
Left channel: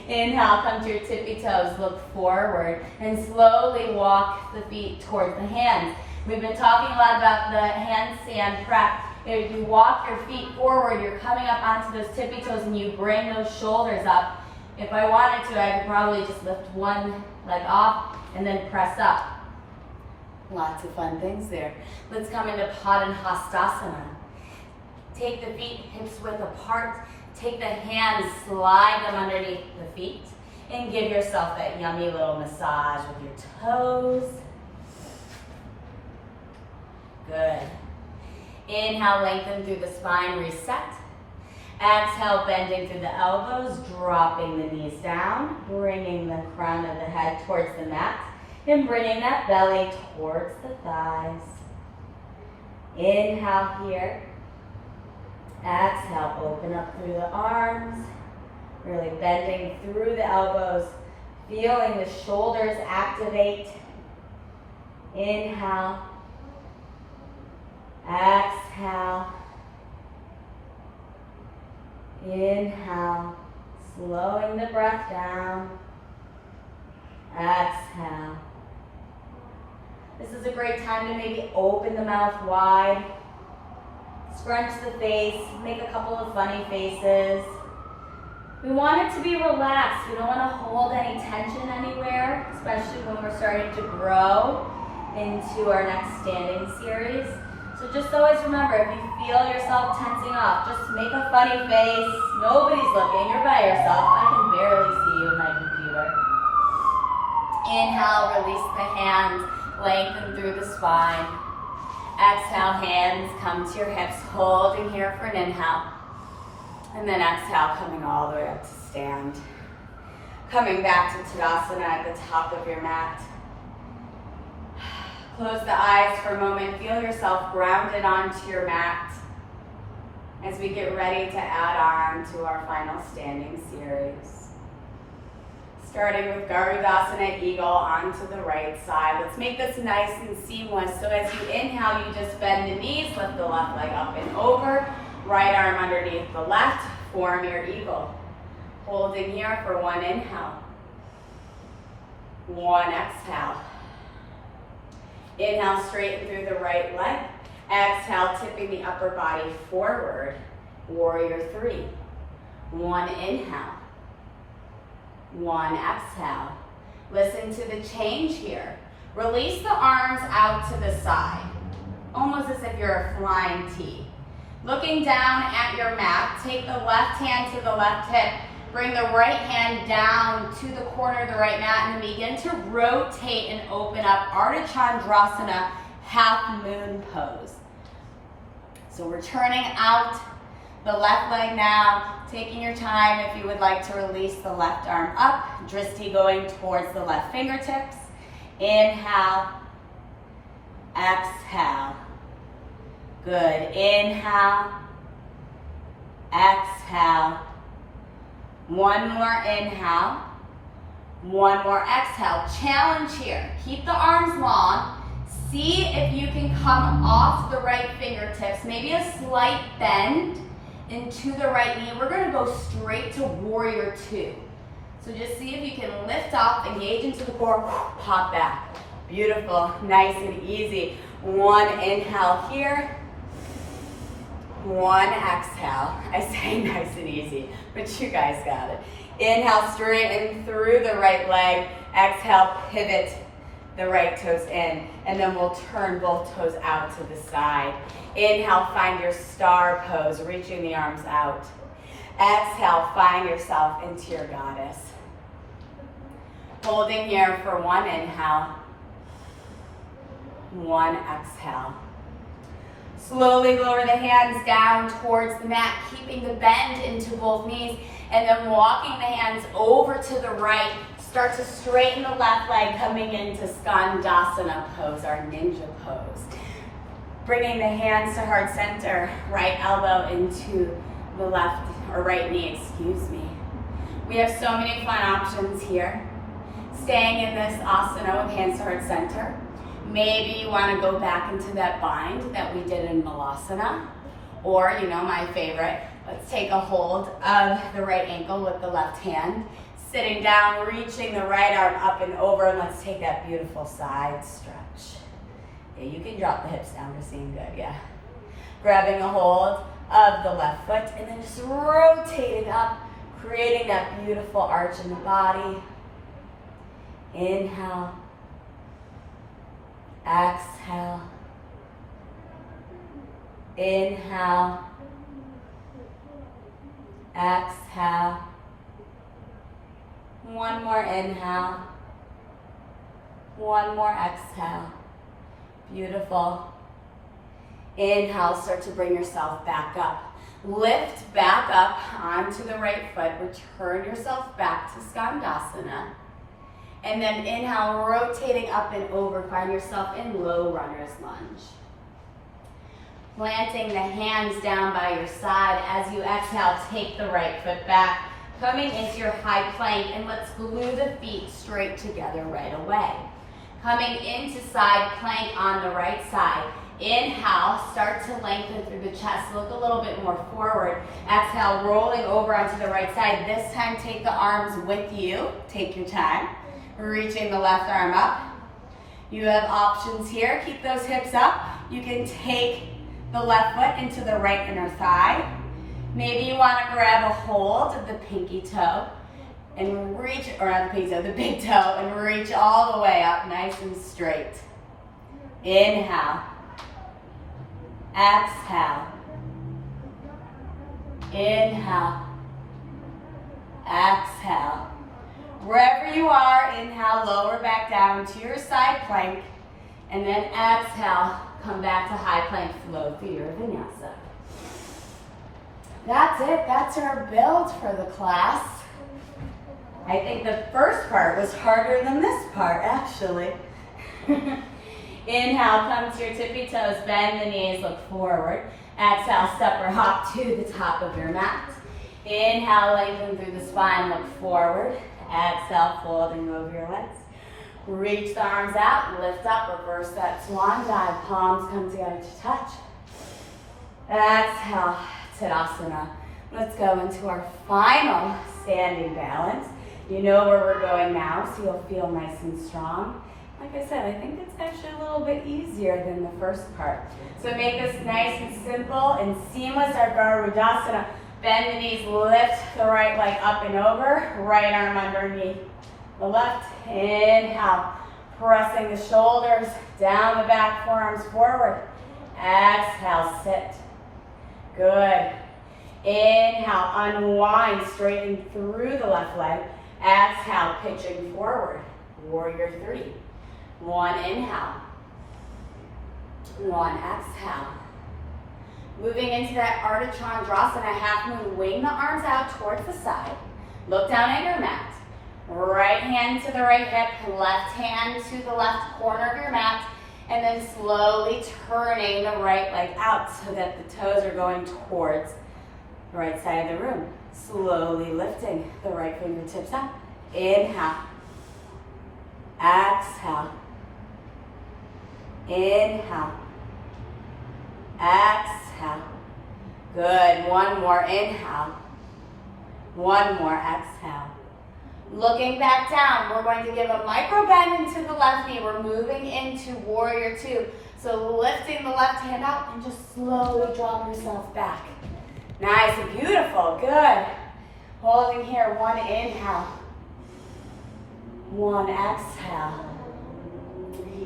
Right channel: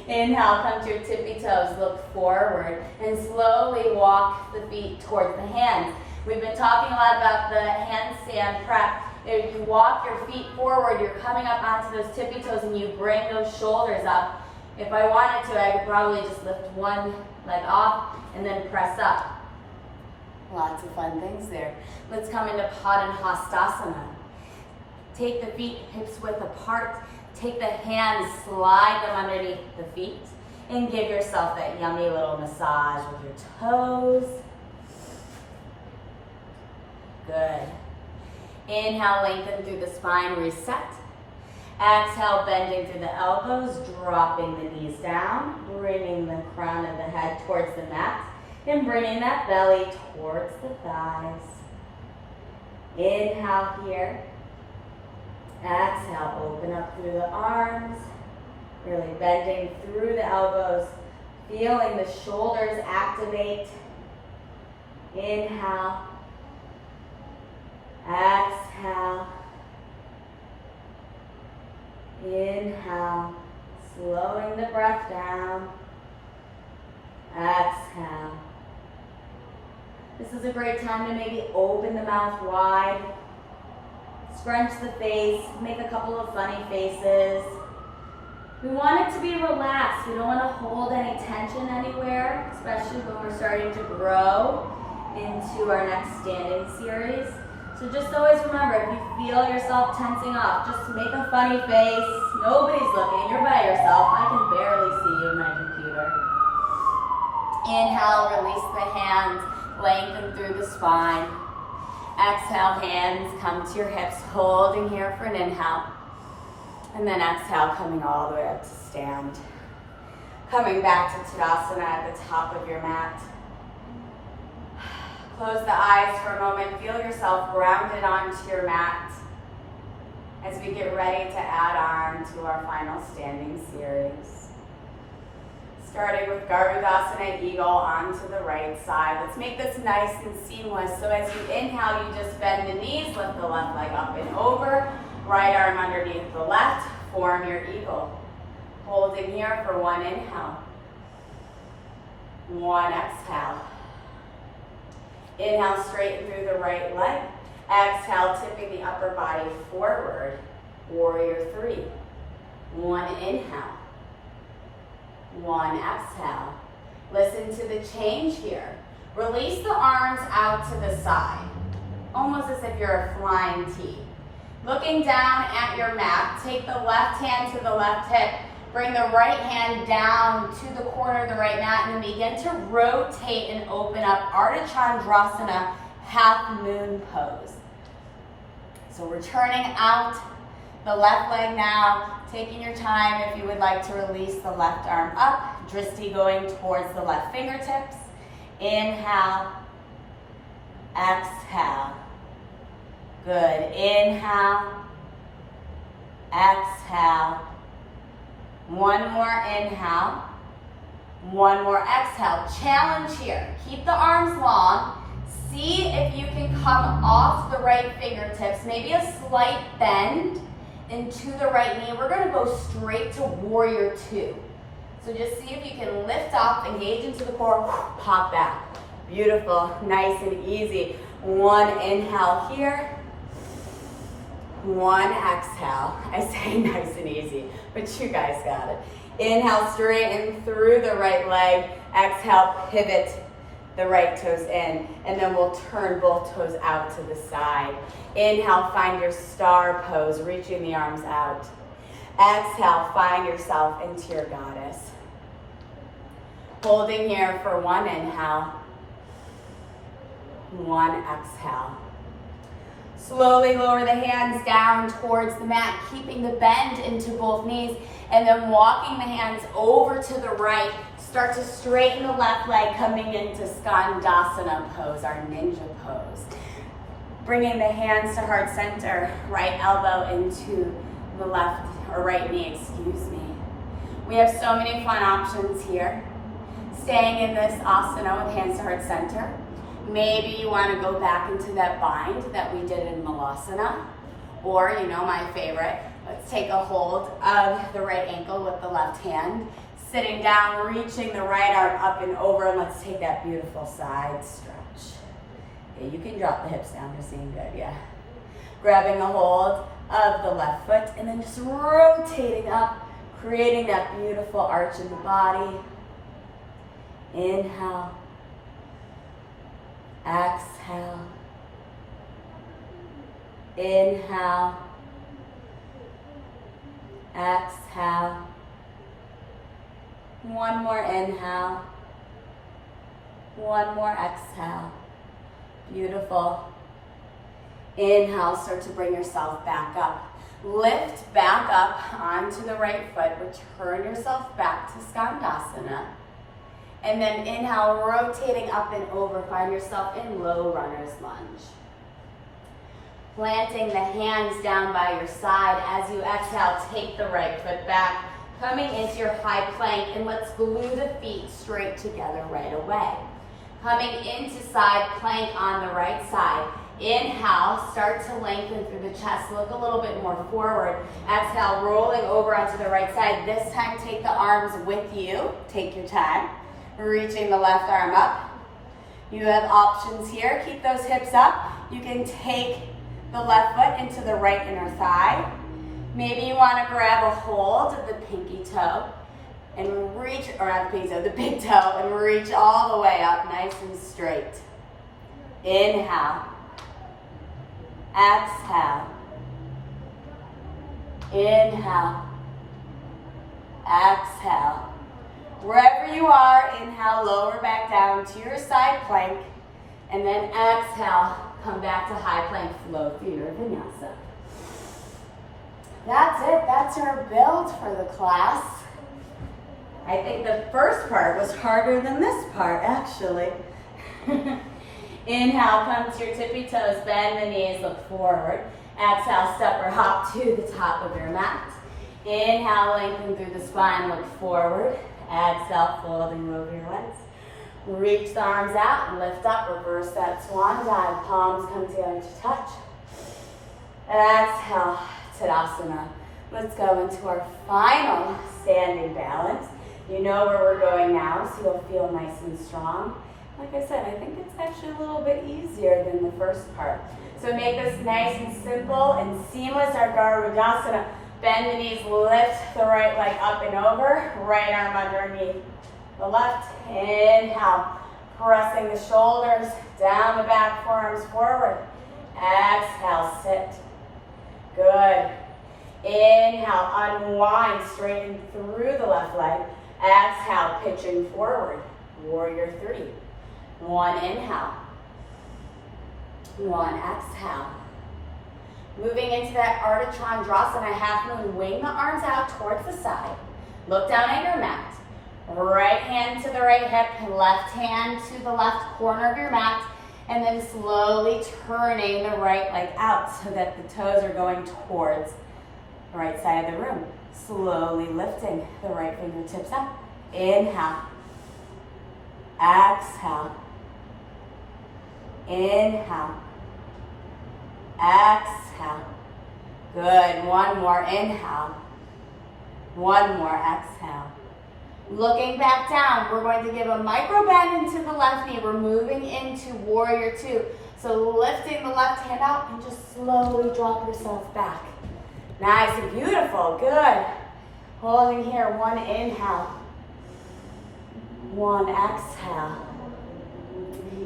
Inhale, come to your tippy toes, look forward, and slowly walk the feet towards the hands. We've been talking a lot about the handstand prep If you walk your feet forward, you're coming up onto those tippy toes and you bring those shoulders up. If I wanted to, I could probably just lift one leg off and then press up. Lots of fun things there. Let's come into Padangusthasana. Take the feet hips width apart. Take the hands, slide them underneath the feet, and give yourself that yummy little massage with your toes. Good. Inhale, lengthen through the spine, reset. Exhale, bending through the elbows, dropping the knees down, bringing the crown of the head towards the mat, and bringing that belly towards the thighs. Inhale here. Exhale, open up through the arms, really bending through the elbows, feeling the shoulders activate. Inhale. Exhale. Inhale, slowing the breath down. Exhale. This is a great time to maybe open the mouth wide, scrunch the face, make a couple of funny faces. We want it to be relaxed. We don't want to hold any tension anywhere, especially when we're starting to grow into our next standing series. So just always remember, if you feel yourself tensing up, just make a funny face. Nobody's looking. You're by yourself. I can barely see you in my computer. Inhale, release the hands, lengthen through the spine. Exhale, hands come to your hips, holding here for an inhale. And then exhale, coming all the way up to stand. Coming back to Tadasana at the top of your mat. Close the eyes for a moment. Feel yourself grounded onto your mat as we get ready to add on to our final standing series. Starting with Garudasana, Eagle onto the right side. Let's make this nice and seamless. So as you inhale, you just bend the knees, lift the left leg up and over. Right arm underneath the left, form your eagle. Holding here for one inhale. One exhale. Inhale, straighten through the right leg. Exhale, tipping the upper body forward. Warrior three. One inhale. One exhale. Listen to the change here. Release the arms out to the side, almost as if you're a flying T. Looking down at your mat, take the left hand to the left hip. Bring the right hand down to the corner of the right mat and begin to rotate and open up Ardha Chandrasana, half moon pose. So we're turning out the left leg now, taking your time if you would like to release the left arm up, Drishti going towards the left fingertips. Inhale, exhale. Good. Inhale, exhale. One more inhale, one more exhale. Challenge here. Keep the arms long. See if you can come off the right fingertips, maybe a slight bend into the right knee. We're gonna go straight to warrior two. So just see if you can lift up, engage into the core, pop back. Beautiful, nice and easy. One inhale here. One exhale. I say nice and easy, but you guys got it. Inhale, straighten through the right leg. Exhale, pivot the right toes in, and then we'll turn both toes out to the side. Inhale, find your star pose, reaching the arms out. Exhale, find yourself into your goddess. Holding here for one inhale, one exhale. Slowly lower the hands down towards the mat, keeping the bend into both knees, and then walking the hands over to the right. Start to straighten the left leg, coming into Skandasana pose, our ninja pose. Bringing the hands to heart center, right elbow into the left, or right knee, excuse me. We have so many fun options here. Staying in this asana with hands to heart center. Maybe you want to go back into that bind that we did in Malasana. Or, you know my favorite, let's take a hold of the right ankle with the left hand. Sitting down, reaching the right arm up and over, and let's take that beautiful side stretch. Yeah, you can drop the hips down, we're seeing good, yeah. grabbing a hold of the left foot and then just rotating up, creating that beautiful arch in the body. Inhale. Exhale. Inhale. Exhale. One more inhale. One more exhale. Beautiful. Inhale, start to bring yourself back up. Lift back up onto the right foot. Return yourself back to Skandasana. And then inhale, rotating up and over. Find yourself in low runner's lunge. Planting the hands down by your side. As you exhale, take the right foot back. Coming into your high plank, and let's glue the feet straight together right away. Coming into side plank on the right side. Inhale, start to lengthen through the chest. Look a little bit more forward. Exhale, rolling over onto the right side. This time, take the arms with you. Take your time. Reaching the left arm up. You have options here. Keep those hips up. You can take the left foot into the right inner thigh. Maybe you want to grab a hold of the pinky toe and reach, or not the pinky toe, the big toe, and reach all the way up nice and straight. Inhale. Exhale. Inhale. Exhale. Wherever you are, inhale, lower back down to your side plank, and then exhale, come back to high plank, flow through your vinyasa. That's it, that's our build for the class. I think the first part was harder than this part, actually. Inhale, come to your tippy toes, bend the knees, look forward. Exhale, step or hop to the top of your mat. Inhale, lengthen through the spine, look forward. Exhale, fold and move your legs. Reach the arms out, lift up, reverse that swan dive. Palms come together to touch. Exhale, Tadasana. Let's go into our final standing balance. You know where we're going now, so you'll feel nice and strong. Like I said, I think it's actually a little bit easier than the first part. So make this nice and simple and seamless. Our Garudasana. Bend the knees, lift the right leg up and over. Right arm underneath the left. Inhale. Pressing the shoulders down the back, forearms forward. Exhale, sit. Good. Inhale, unwind, straighten through the left leg. Exhale, pitching forward. Warrior 3. One inhale. One exhale. Moving into that Ardha Chandrasana, half moon. Wing the arms out towards the side. Look down at your mat. Right hand to the right hip, left hand to the left corner of your mat, and then slowly turning the right leg out so that the toes are going towards the right side of the room. Slowly lifting the right fingertips up. Inhale. Exhale. Inhale. Exhale. Good. One more inhale. One more exhale. Looking back down, we're going to give a micro bend into the left knee. We're moving into Warrior 2. So lifting the left hand out and just slowly drop yourself back. Nice and beautiful. Good. Holding here. One inhale. One exhale.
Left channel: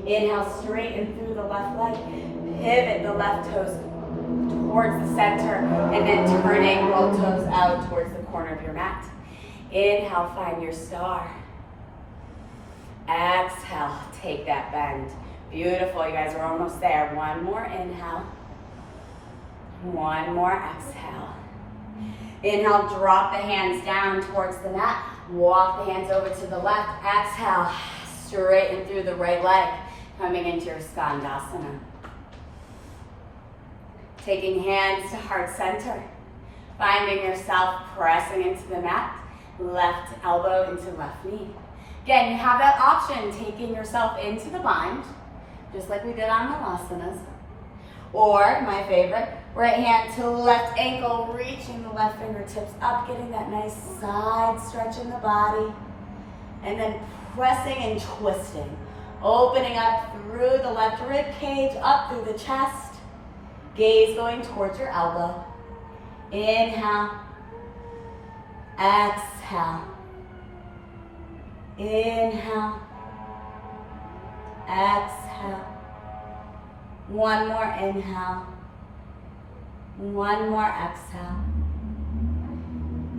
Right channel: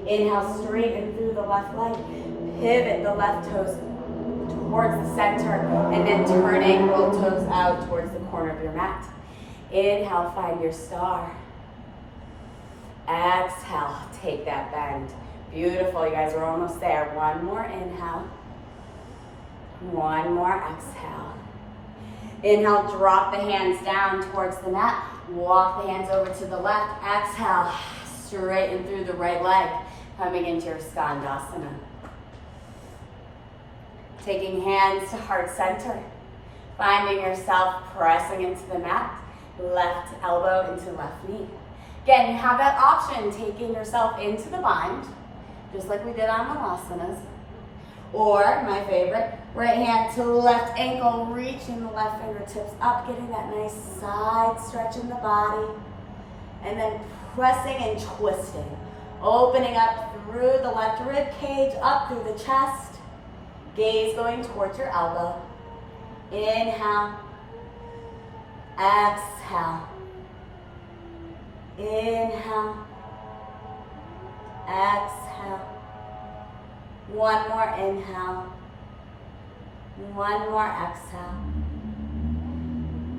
Inhale, straighten through the left leg. Pivot the left toes towards the center and then turning both toes out towards the corner of your mat. Inhale, find your star. Exhale, take that bend. Beautiful, you guys are almost there. One more inhale. One more exhale. Inhale, drop the hands down towards the mat. Walk the hands over to the left. Exhale, straighten through the right leg. Coming into your Skandasana. Taking hands to heart center. Finding yourself pressing into the mat. Left elbow into left knee. Again, you have that option, taking yourself into the bind, just like we did on the asanas. Or, my favorite, right hand to left ankle, reaching the left fingertips up, getting that nice side stretch in the body. And then pressing and twisting. Opening up through the left rib cage, up through the chest. Gaze going towards your elbow. Inhale. Exhale. Inhale. Exhale. One more inhale. One more exhale.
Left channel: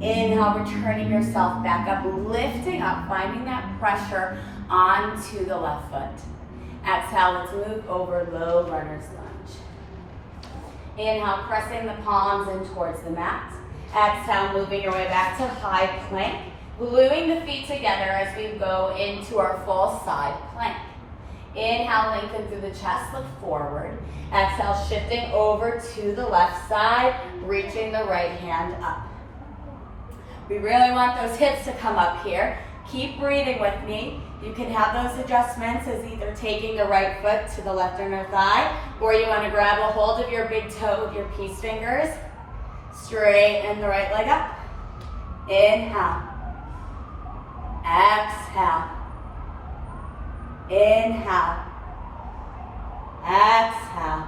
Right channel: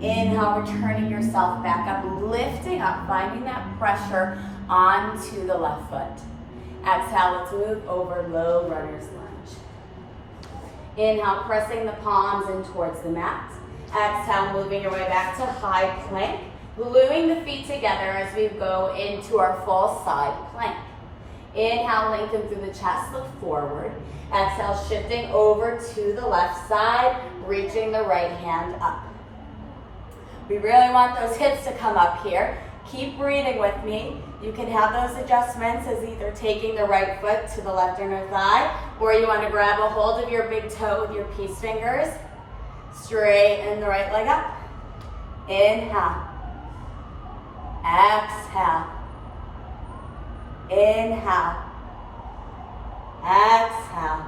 Inhale, returning yourself back up, lifting up, finding that pressure onto the left foot. Exhale, let's move over low runner's lunge. Inhale, pressing the palms in towards the mat. Exhale, moving your way back to high plank. Gluing the feet together as we go into our full side plank. Inhale, lengthen through the chest, look forward. Exhale, shifting over to the left side, reaching the right hand up. We really want those hips to come up here. Keep breathing with me. You can have those adjustments as either taking the right foot to the left inner thigh, or you want to grab a hold of your big toe with your peace fingers. Straighten the right leg up. Inhale. Exhale. Inhale. Exhale.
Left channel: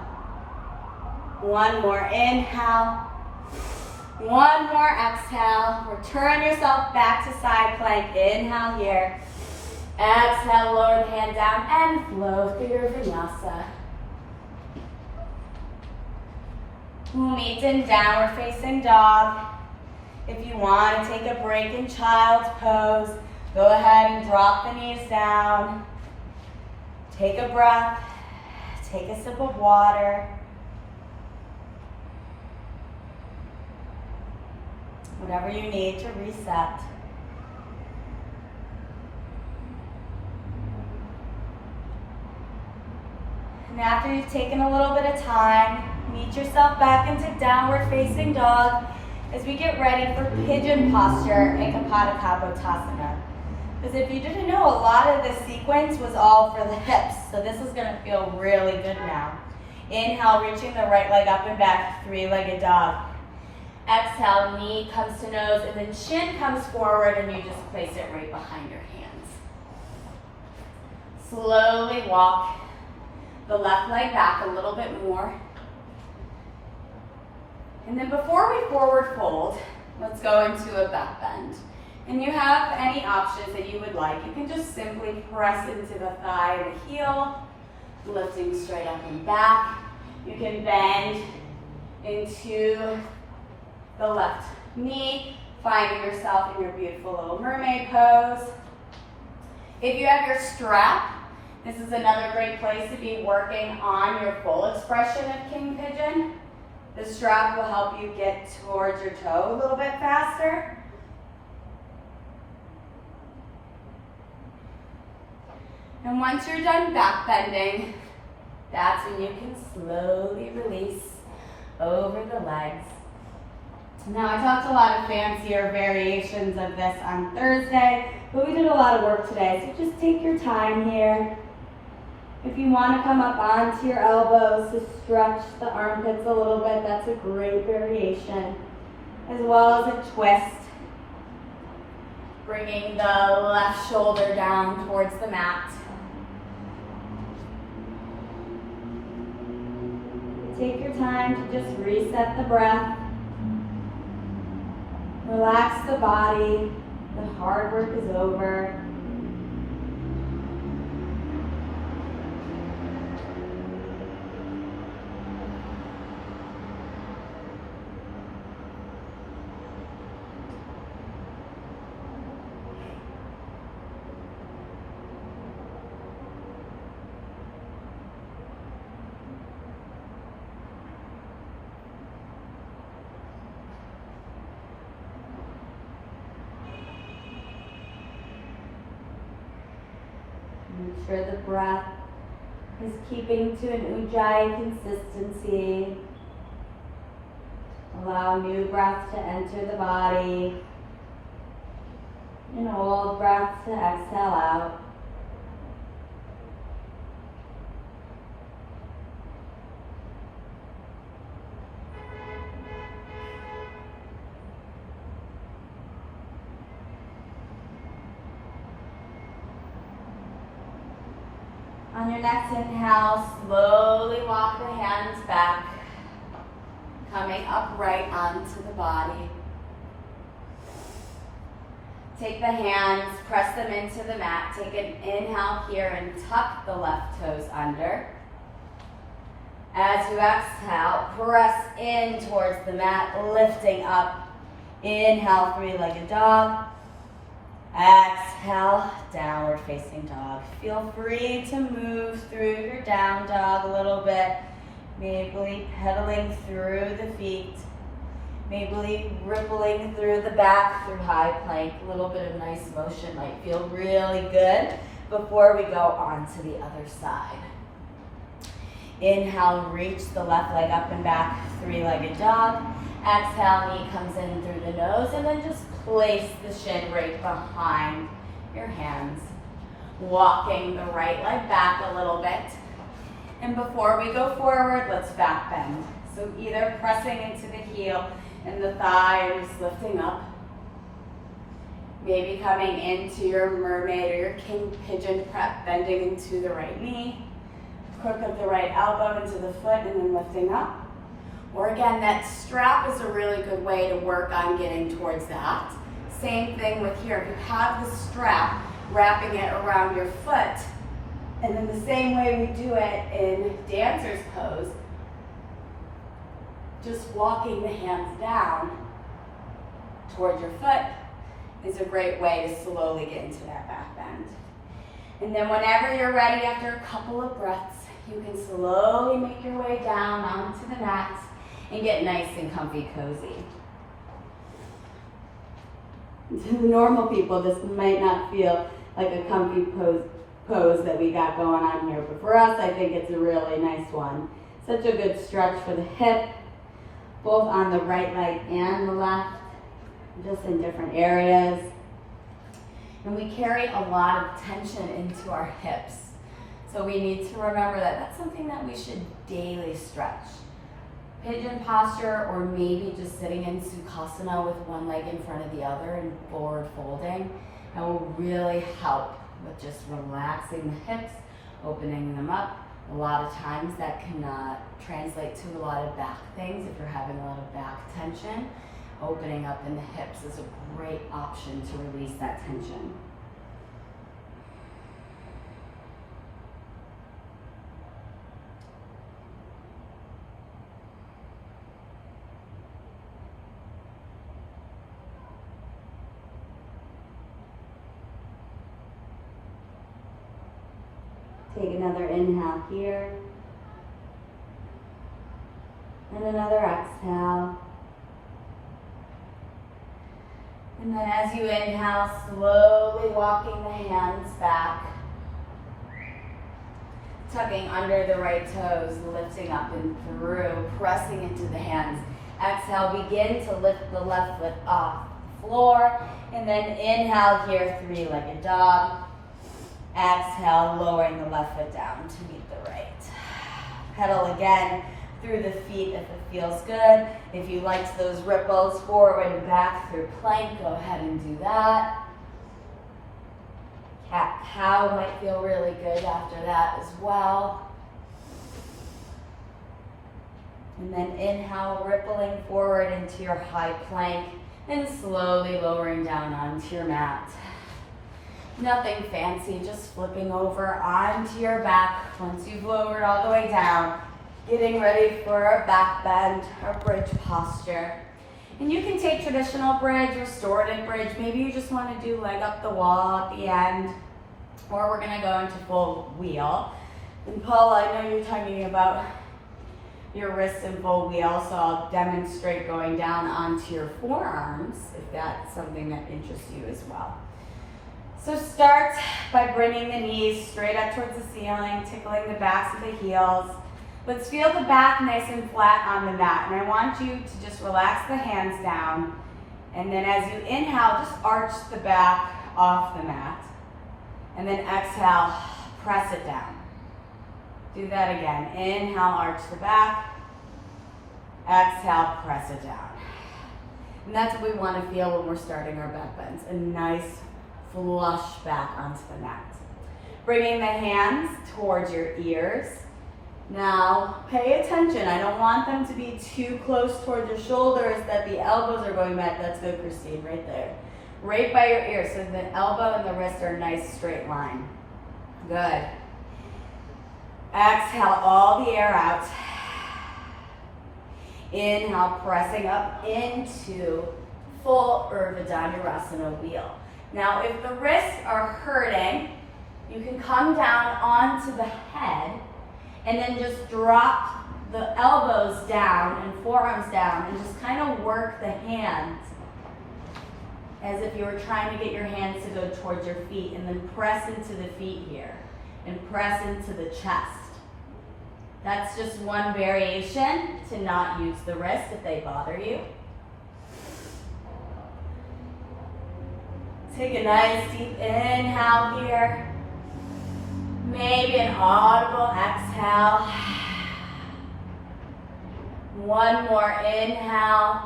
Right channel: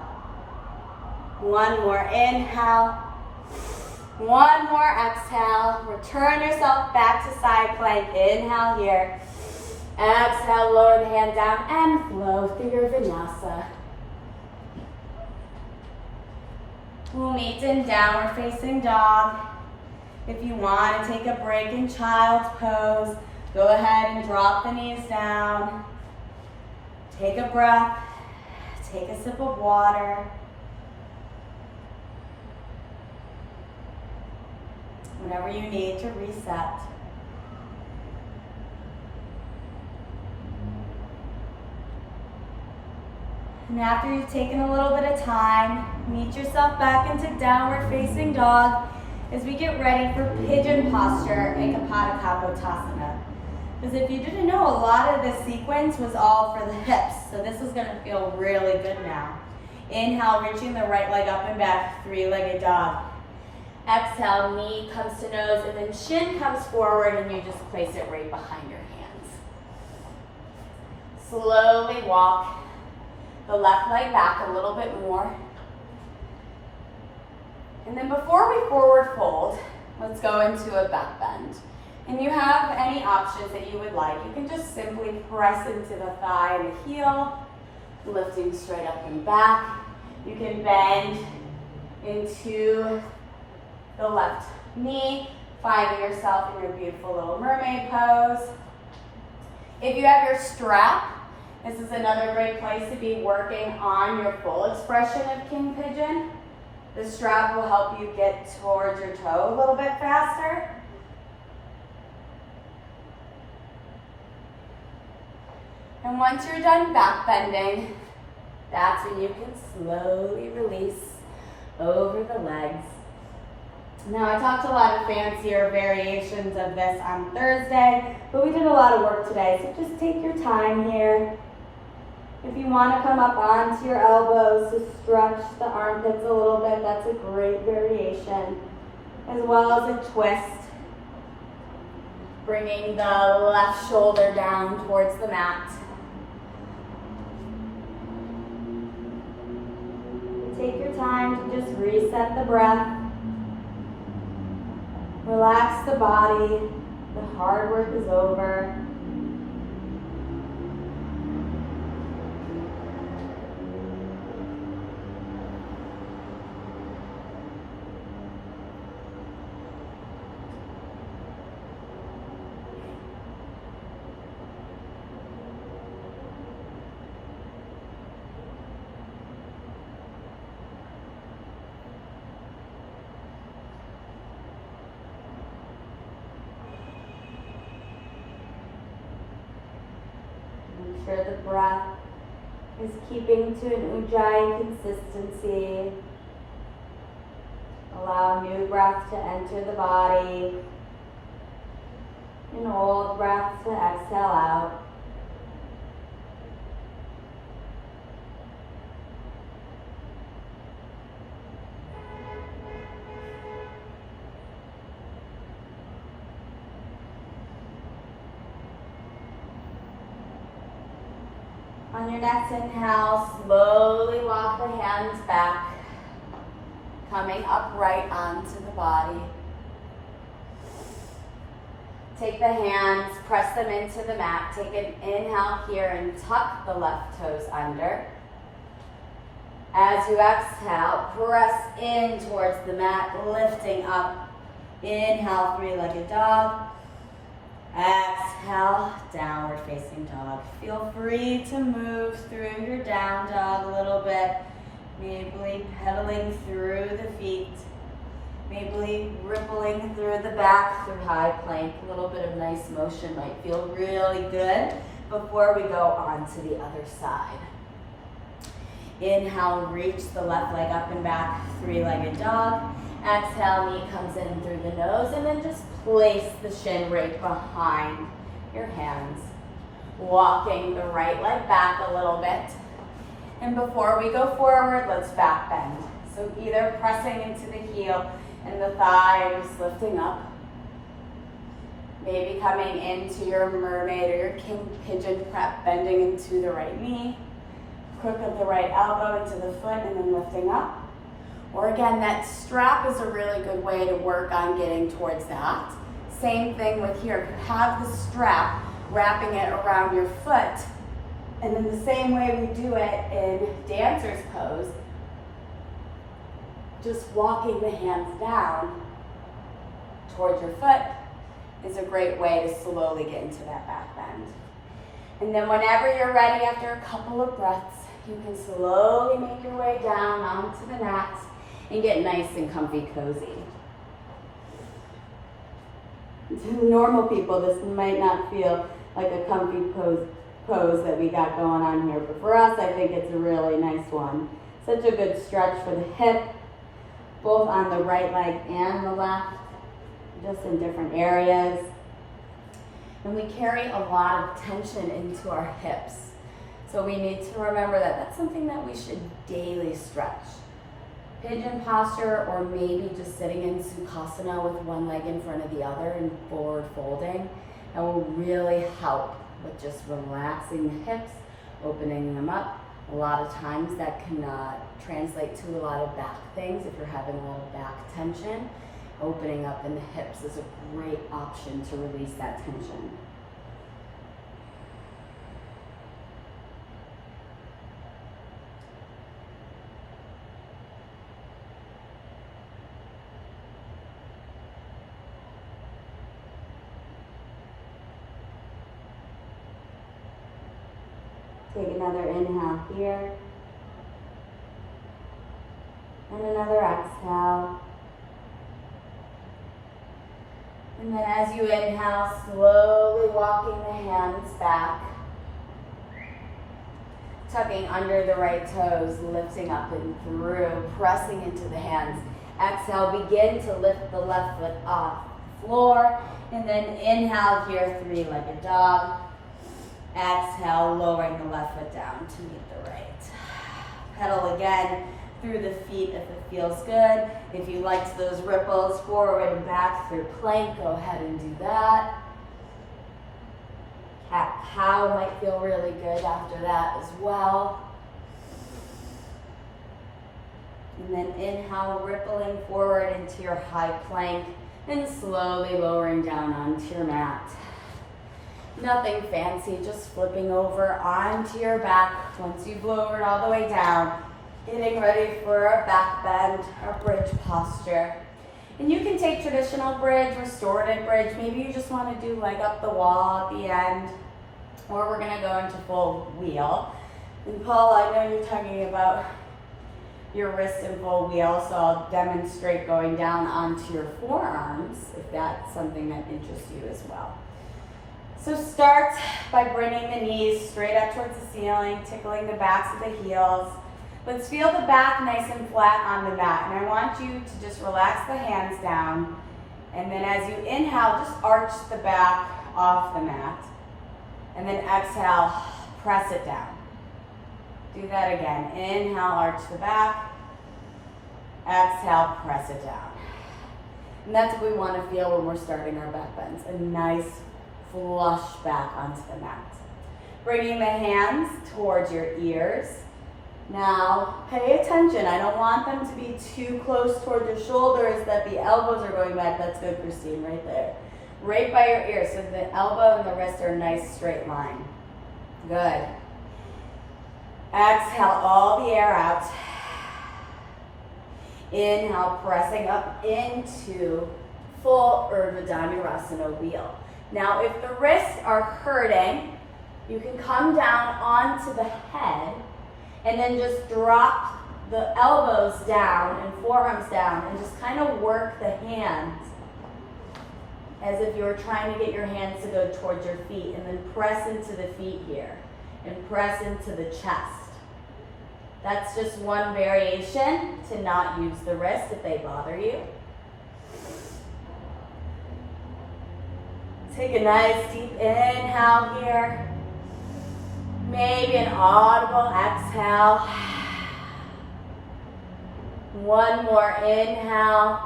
One more inhale. One more exhale. Return yourself back to side plank. Inhale here. Exhale, lower the hand down and flow through your vinyasa. We'll meet in downward facing dog. If you want to take a break in child's pose, go ahead and drop the knees down. Take a breath. Take a sip of water. Whatever you need to reset. And after you've taken a little bit of time, meet yourself back into downward facing dog as we get ready for pigeon posture in Kapotthana. Because if you didn't know, a lot of this sequence was all for the hips. So this is gonna feel really good now. Inhale, reaching the right leg up and back, three-legged dog. Exhale, knee comes to nose, and then chin comes forward, and you just place it right behind your hands. Slowly walk the left leg back a little bit more. And then before we forward fold, let's go into a back bend. And you have any options that you would like. You can just simply press into the thigh and the heel, lifting straight up and back. You can bend into the left knee, finding yourself in your beautiful little mermaid pose. If you have your strap, this is another great place to be working on your full expression of King Pigeon. The strap will help you get towards your toe a little bit faster. And once you're done back bending, that's when you can slowly release over the legs. Now, I talked a lot of fancier variations of this on Thursday, but we did a lot of work today, so just take your time here. If you want to come up onto your elbows to stretch the armpits a little bit, that's a great variation, as well as a twist. Bringing the left shoulder down towards the mat. Take your time to just reset the breath. Relax the body. The hard work is over. Make sure the breath is keeping to an ujjayi consistency. Allow new breath to enter the body. And old breath to exhale out. On your next inhale, slowly walk the hands back. Coming upright onto the body. Take the hands, press them into the mat. Take an inhale here and tuck the left toes under. As you exhale, press in towards the mat, lifting up. Inhale, three-legged dog. Exhale, downward facing dog. Feel free to move through your down dog a little bit. Maybe pedaling through the feet. Maybe rippling through the back through high plank. A little bit of nice motion might feel really good before we go on to the other side. Inhale, reach the left leg up and back, three-legged dog. Exhale, knee comes in through the nose, and then just place the shin right behind your hands. Walking the right leg back a little bit. And before we go forward, let's back bend. So either pressing into the heel and the thigh or just lifting up. Maybe coming into your mermaid or your king pigeon prep, bending into the right knee. Crook of the right elbow into the foot and then lifting up. Or again, that strap is a really good way to work on getting towards that. Same thing with here. If you have the strap, wrapping it around your foot, and in the same way we do it in dancer's pose, just walking the hands down towards your foot is a great way to slowly get into that back bend. And then whenever you're ready, after a couple of breaths, you can slowly make your way down onto the mat and get nice and comfy cozy. To normal people, this might not feel like a comfy pose that we got going on here, but for us, I think it's a really nice one. Such a good stretch for the hip, both on the right leg and the left, just in different areas. And we carry a lot of tension into our hips. So we need to remember that that's something that we should daily stretch. Pigeon posture, or maybe just sitting in Sukhasana with one leg in front of the other and forward folding, and will really help with just relaxing the hips, opening them up. A lot of times that can translate to a lot of back things. If you're having a lot of back tension, opening up in the hips is a great option to release that tension. Take another inhale here, and another exhale. And then as you inhale, slowly walking the hands back, tucking under the right toes, lifting up and through, pressing into the hands. Exhale, begin to lift the left foot off the floor, and then inhale here, three-legged dog. Exhale, lowering the left foot down to meet the right. Pedal again through the feet if it feels good. If you liked those ripples forward and back through plank, go ahead and do that. Cat-cow might feel really good after that as well. And then inhale, rippling forward into your high plank and slowly lowering down onto your mat. Nothing fancy, just flipping over onto your back once you've lowered all the way down, getting ready for a back bend or bridge posture. And you can take traditional bridge, restorative bridge. Maybe you just want to do leg up the wall at the end, or we're going to go into full wheel. And Paul, I know you're talking about your wrists in full wheel, so I'll demonstrate going down onto your forearms if that's something that interests you as well. So start by bringing the knees straight up towards the ceiling, tickling the backs of the heels. Let's feel the back nice and flat on the mat. And I want you to just relax the hands down. And then as you inhale, just arch the back off the mat. And then exhale, press it down. Do that again. Inhale, arch the back. Exhale, press it down. And that's what we want to feel when we're starting our back bends. A nice flush back onto the mat. Bringing the hands towards your ears. Now, pay attention. I don't want them to be too close towards your shoulders that the elbows are going back. That's good, Christine, right there. Right by your ear, so the elbow and the wrist are a nice straight line. Good. Exhale all the air out. Inhale, pressing up into full Urdhva Dhanurasana wheel. Now, if the wrists are hurting, you can come down onto the head and then just drop the elbows down and forearms down and just kind of work the hands as if you were trying to get your hands to go towards your feet, and then press into the feet here and press into the chest. That's just one variation to not use the wrist if they bother you. Take a nice deep inhale here. Maybe an audible exhale. One more inhale.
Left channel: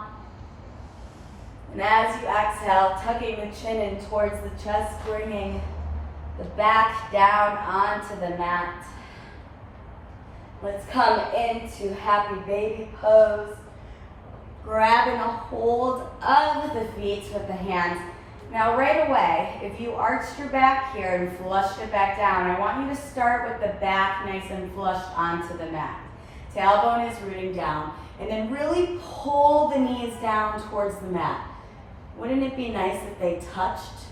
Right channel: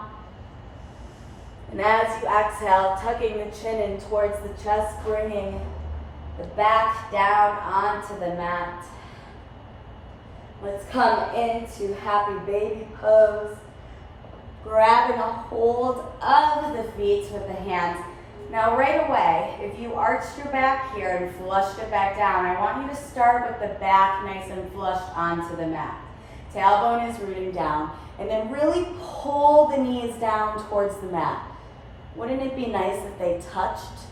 And as you exhale, tucking the chin in towards the chest, bringing the back down onto the mat. Let's come into happy baby pose. Grabbing a hold of the feet with the hands. Now right away, if you arched your back here and flushed it back down, I want you to start with the back nice and flushed onto the mat. Tailbone is rooting down. And then really pull the knees down towards the mat. Wouldn't it be nice if they touched?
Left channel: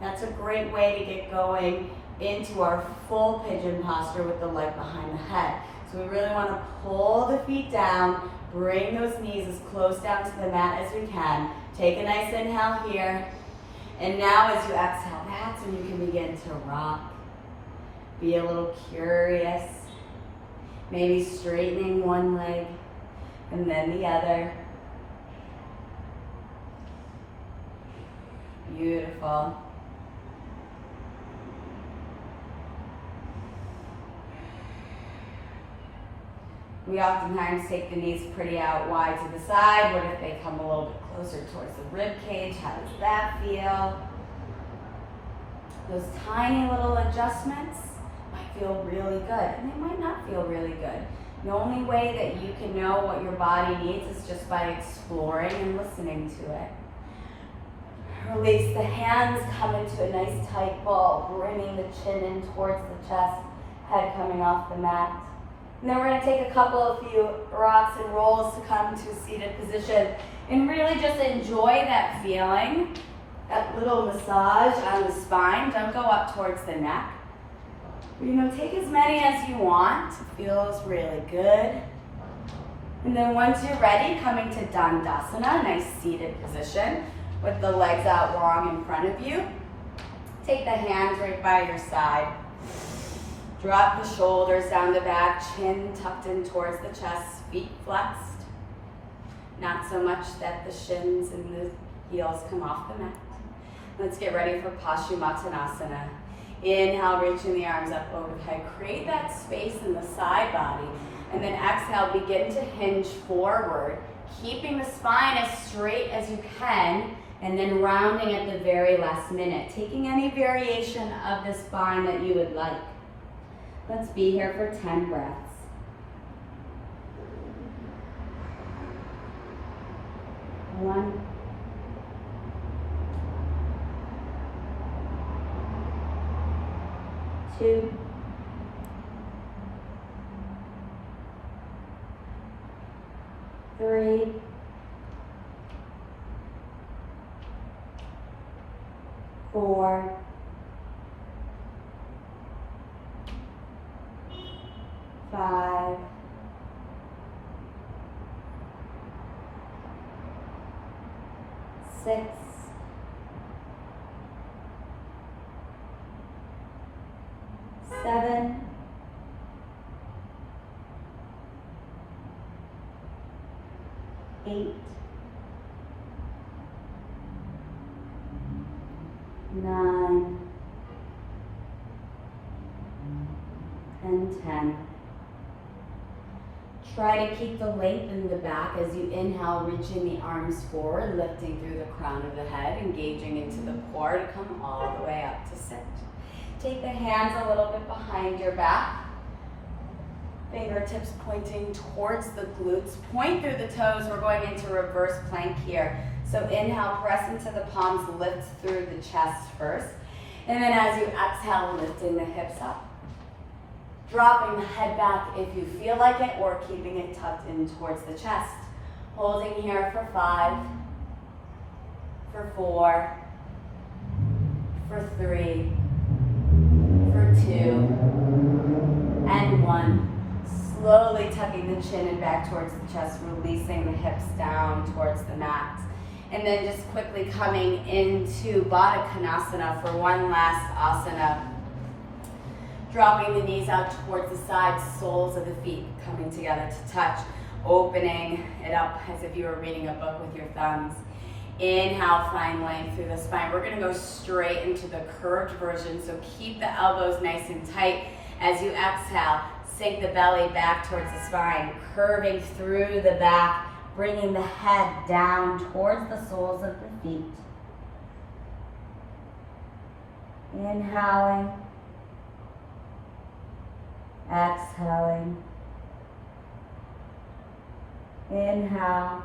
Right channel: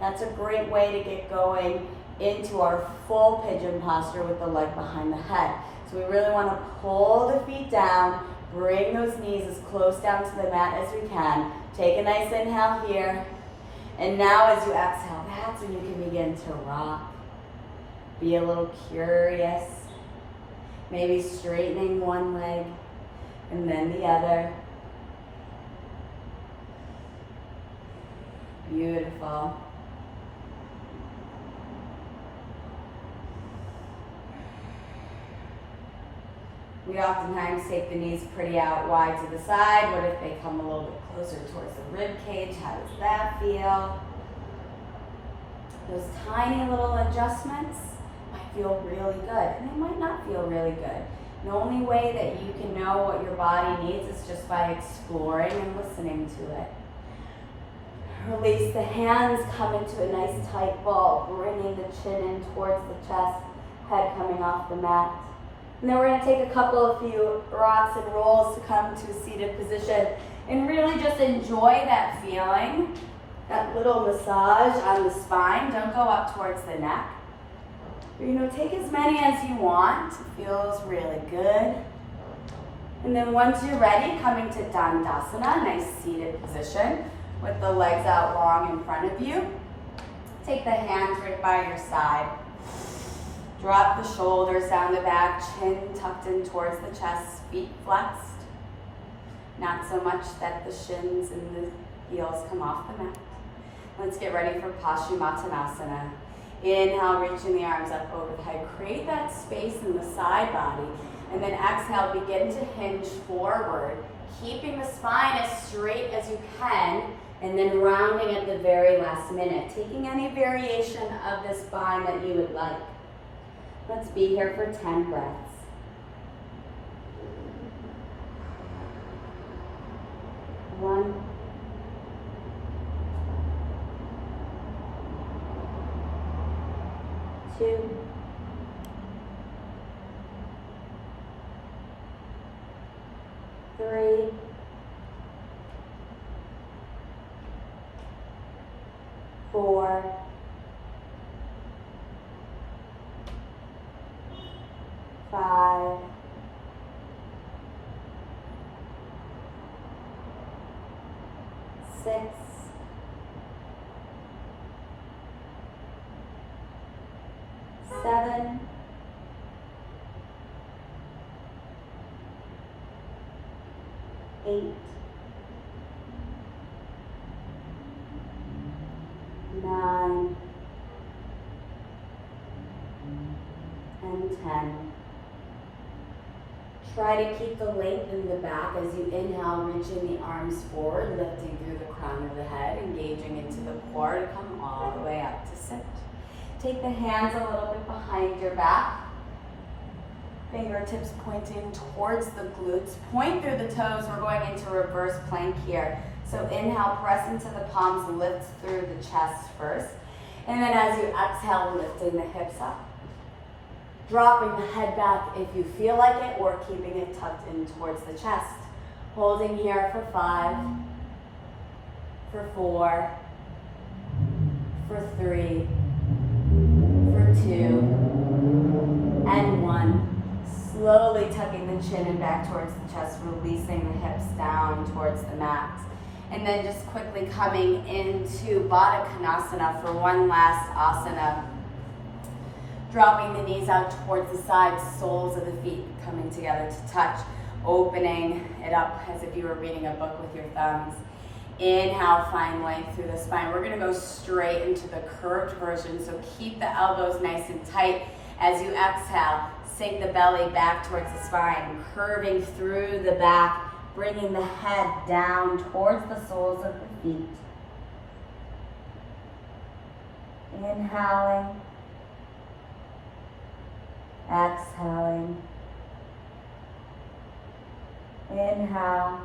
That's a great way to get going into our full pigeon posture with the leg behind the head. So we really want to pull the feet down, bring those knees as close down to the mat as we can. Take a nice inhale here. And now as you exhale, that's when you can begin to rock. Be a little curious. Maybe straightening one leg and then the other. Beautiful. We oftentimes take the knees pretty out wide to the side. What if they come a little bit closer towards the rib cage? How does that feel? Those tiny little adjustments might feel really good, and they might not feel really good. The only way that you can know what your body needs is just by exploring and listening to it. Release the hands, come into a nice tight ball, bringing the chin in towards the chest, head coming off the mat. And then we're going to take a couple of few rocks and rolls to come to a seated position and really just enjoy that feeling, that little massage on the spine. Don't go up towards the neck. Take as many as you want. It feels really good. And then once you're ready, coming to Dandasana, nice seated position with the legs out long in front of you. Take the hands right by your side. Drop the shoulders down the back, chin tucked in towards the chest, feet flexed. Not so much that the shins and the heels come off the mat. Let's get ready for Paschimottanasana. Inhale, reaching the arms up over the head. Create that space in the side body. And then exhale, begin to hinge forward, keeping the spine as straight as you can, and then rounding at the very last minute, taking any variation of the spine that you would like. Let's be here for 10 breaths. One. Two. Three. 4. 5. 6. 7. 8. 9. And 10. Try to keep the length in the back as you inhale, reaching the arms forward, lifting through the crown of the head, engaging into the core to come all the way up to sit. Take the hands a little bit behind your back. Fingertips pointing towards the glutes. Point through the toes. We're going into reverse plank here. So inhale, press into the palms, lift through the chest first. And then as you exhale, lifting the hips up. Dropping the head back if you feel like it, or keeping it tucked in towards the chest. Holding here for 5, for 4, for 3, for 2, and 1. Slowly tucking the chin and back towards the chest, releasing the hips down towards the mat. And then just quickly coming into Baddha Konasana for one last asana. Dropping the knees out towards the sides, soles of the feet coming together to touch, opening it up as if you were reading a book with your thumbs. Inhale, find length through the spine. We're gonna go straight into the curved version, so keep the elbows nice and tight. As you exhale, sink the belly back towards the spine, curving through the back, bringing the head down towards the soles of the feet. Inhaling. Exhaling. Inhale.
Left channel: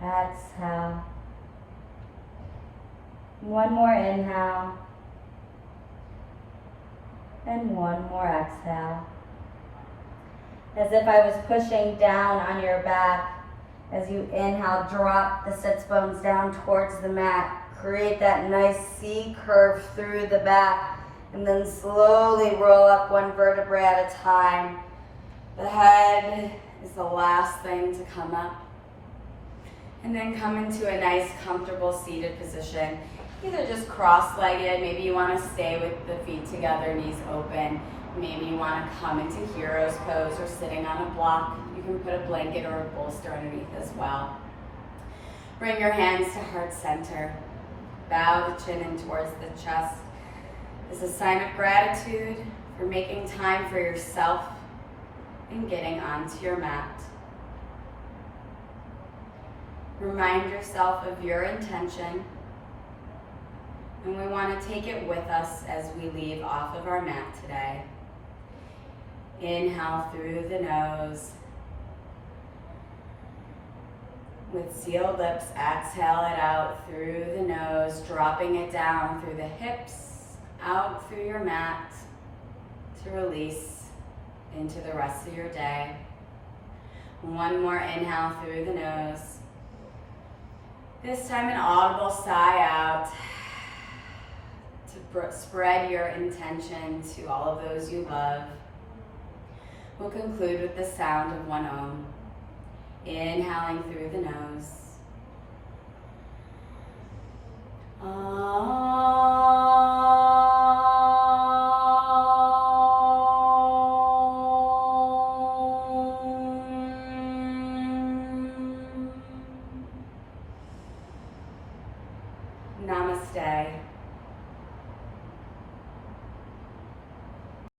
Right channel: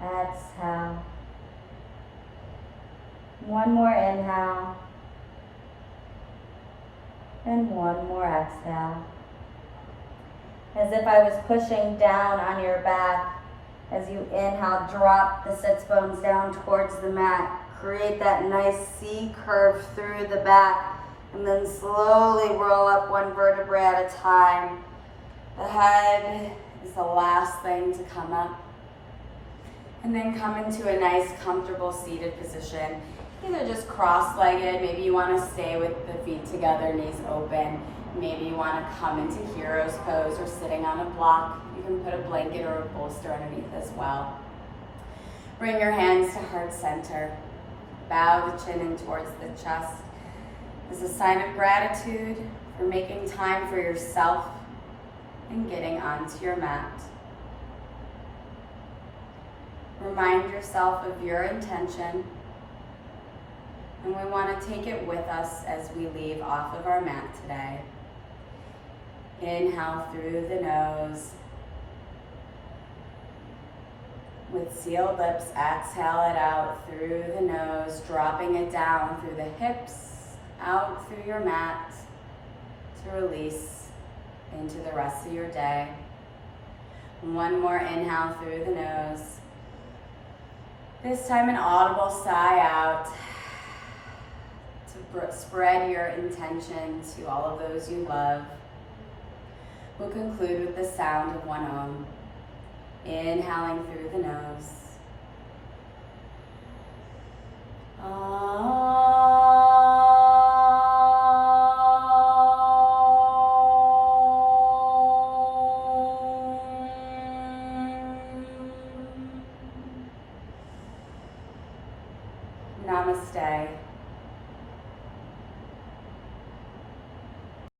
Exhale. One more inhale. And one more exhale. As if I was pushing down on your back. As you inhale, drop the sits bones down towards the mat. Create that nice C curve through the back. And then slowly roll up one vertebrae at a time. The head is the last thing to come up. And then come into a nice, comfortable seated position. Either just cross-legged, maybe you want to stay with the feet together, knees open. Maybe you want to come into hero's pose or sitting on a block. You can put a blanket or a bolster underneath as well. Bring your hands to heart center. Bow the chin in towards the chest. As a sign of gratitude for making time for yourself and getting onto your mat. Remind yourself of your intention, and we want to take it with us as we leave off of our mat today. Inhale through the nose. With sealed lips, exhale it out through the nose, dropping it down through the hips, out through your mat to release into the rest of your day. One more inhale through the nose. This time an audible sigh out to spread your intention to all of those you love. We'll conclude with the sound of one Om. Inhaling through the nose. Namaste.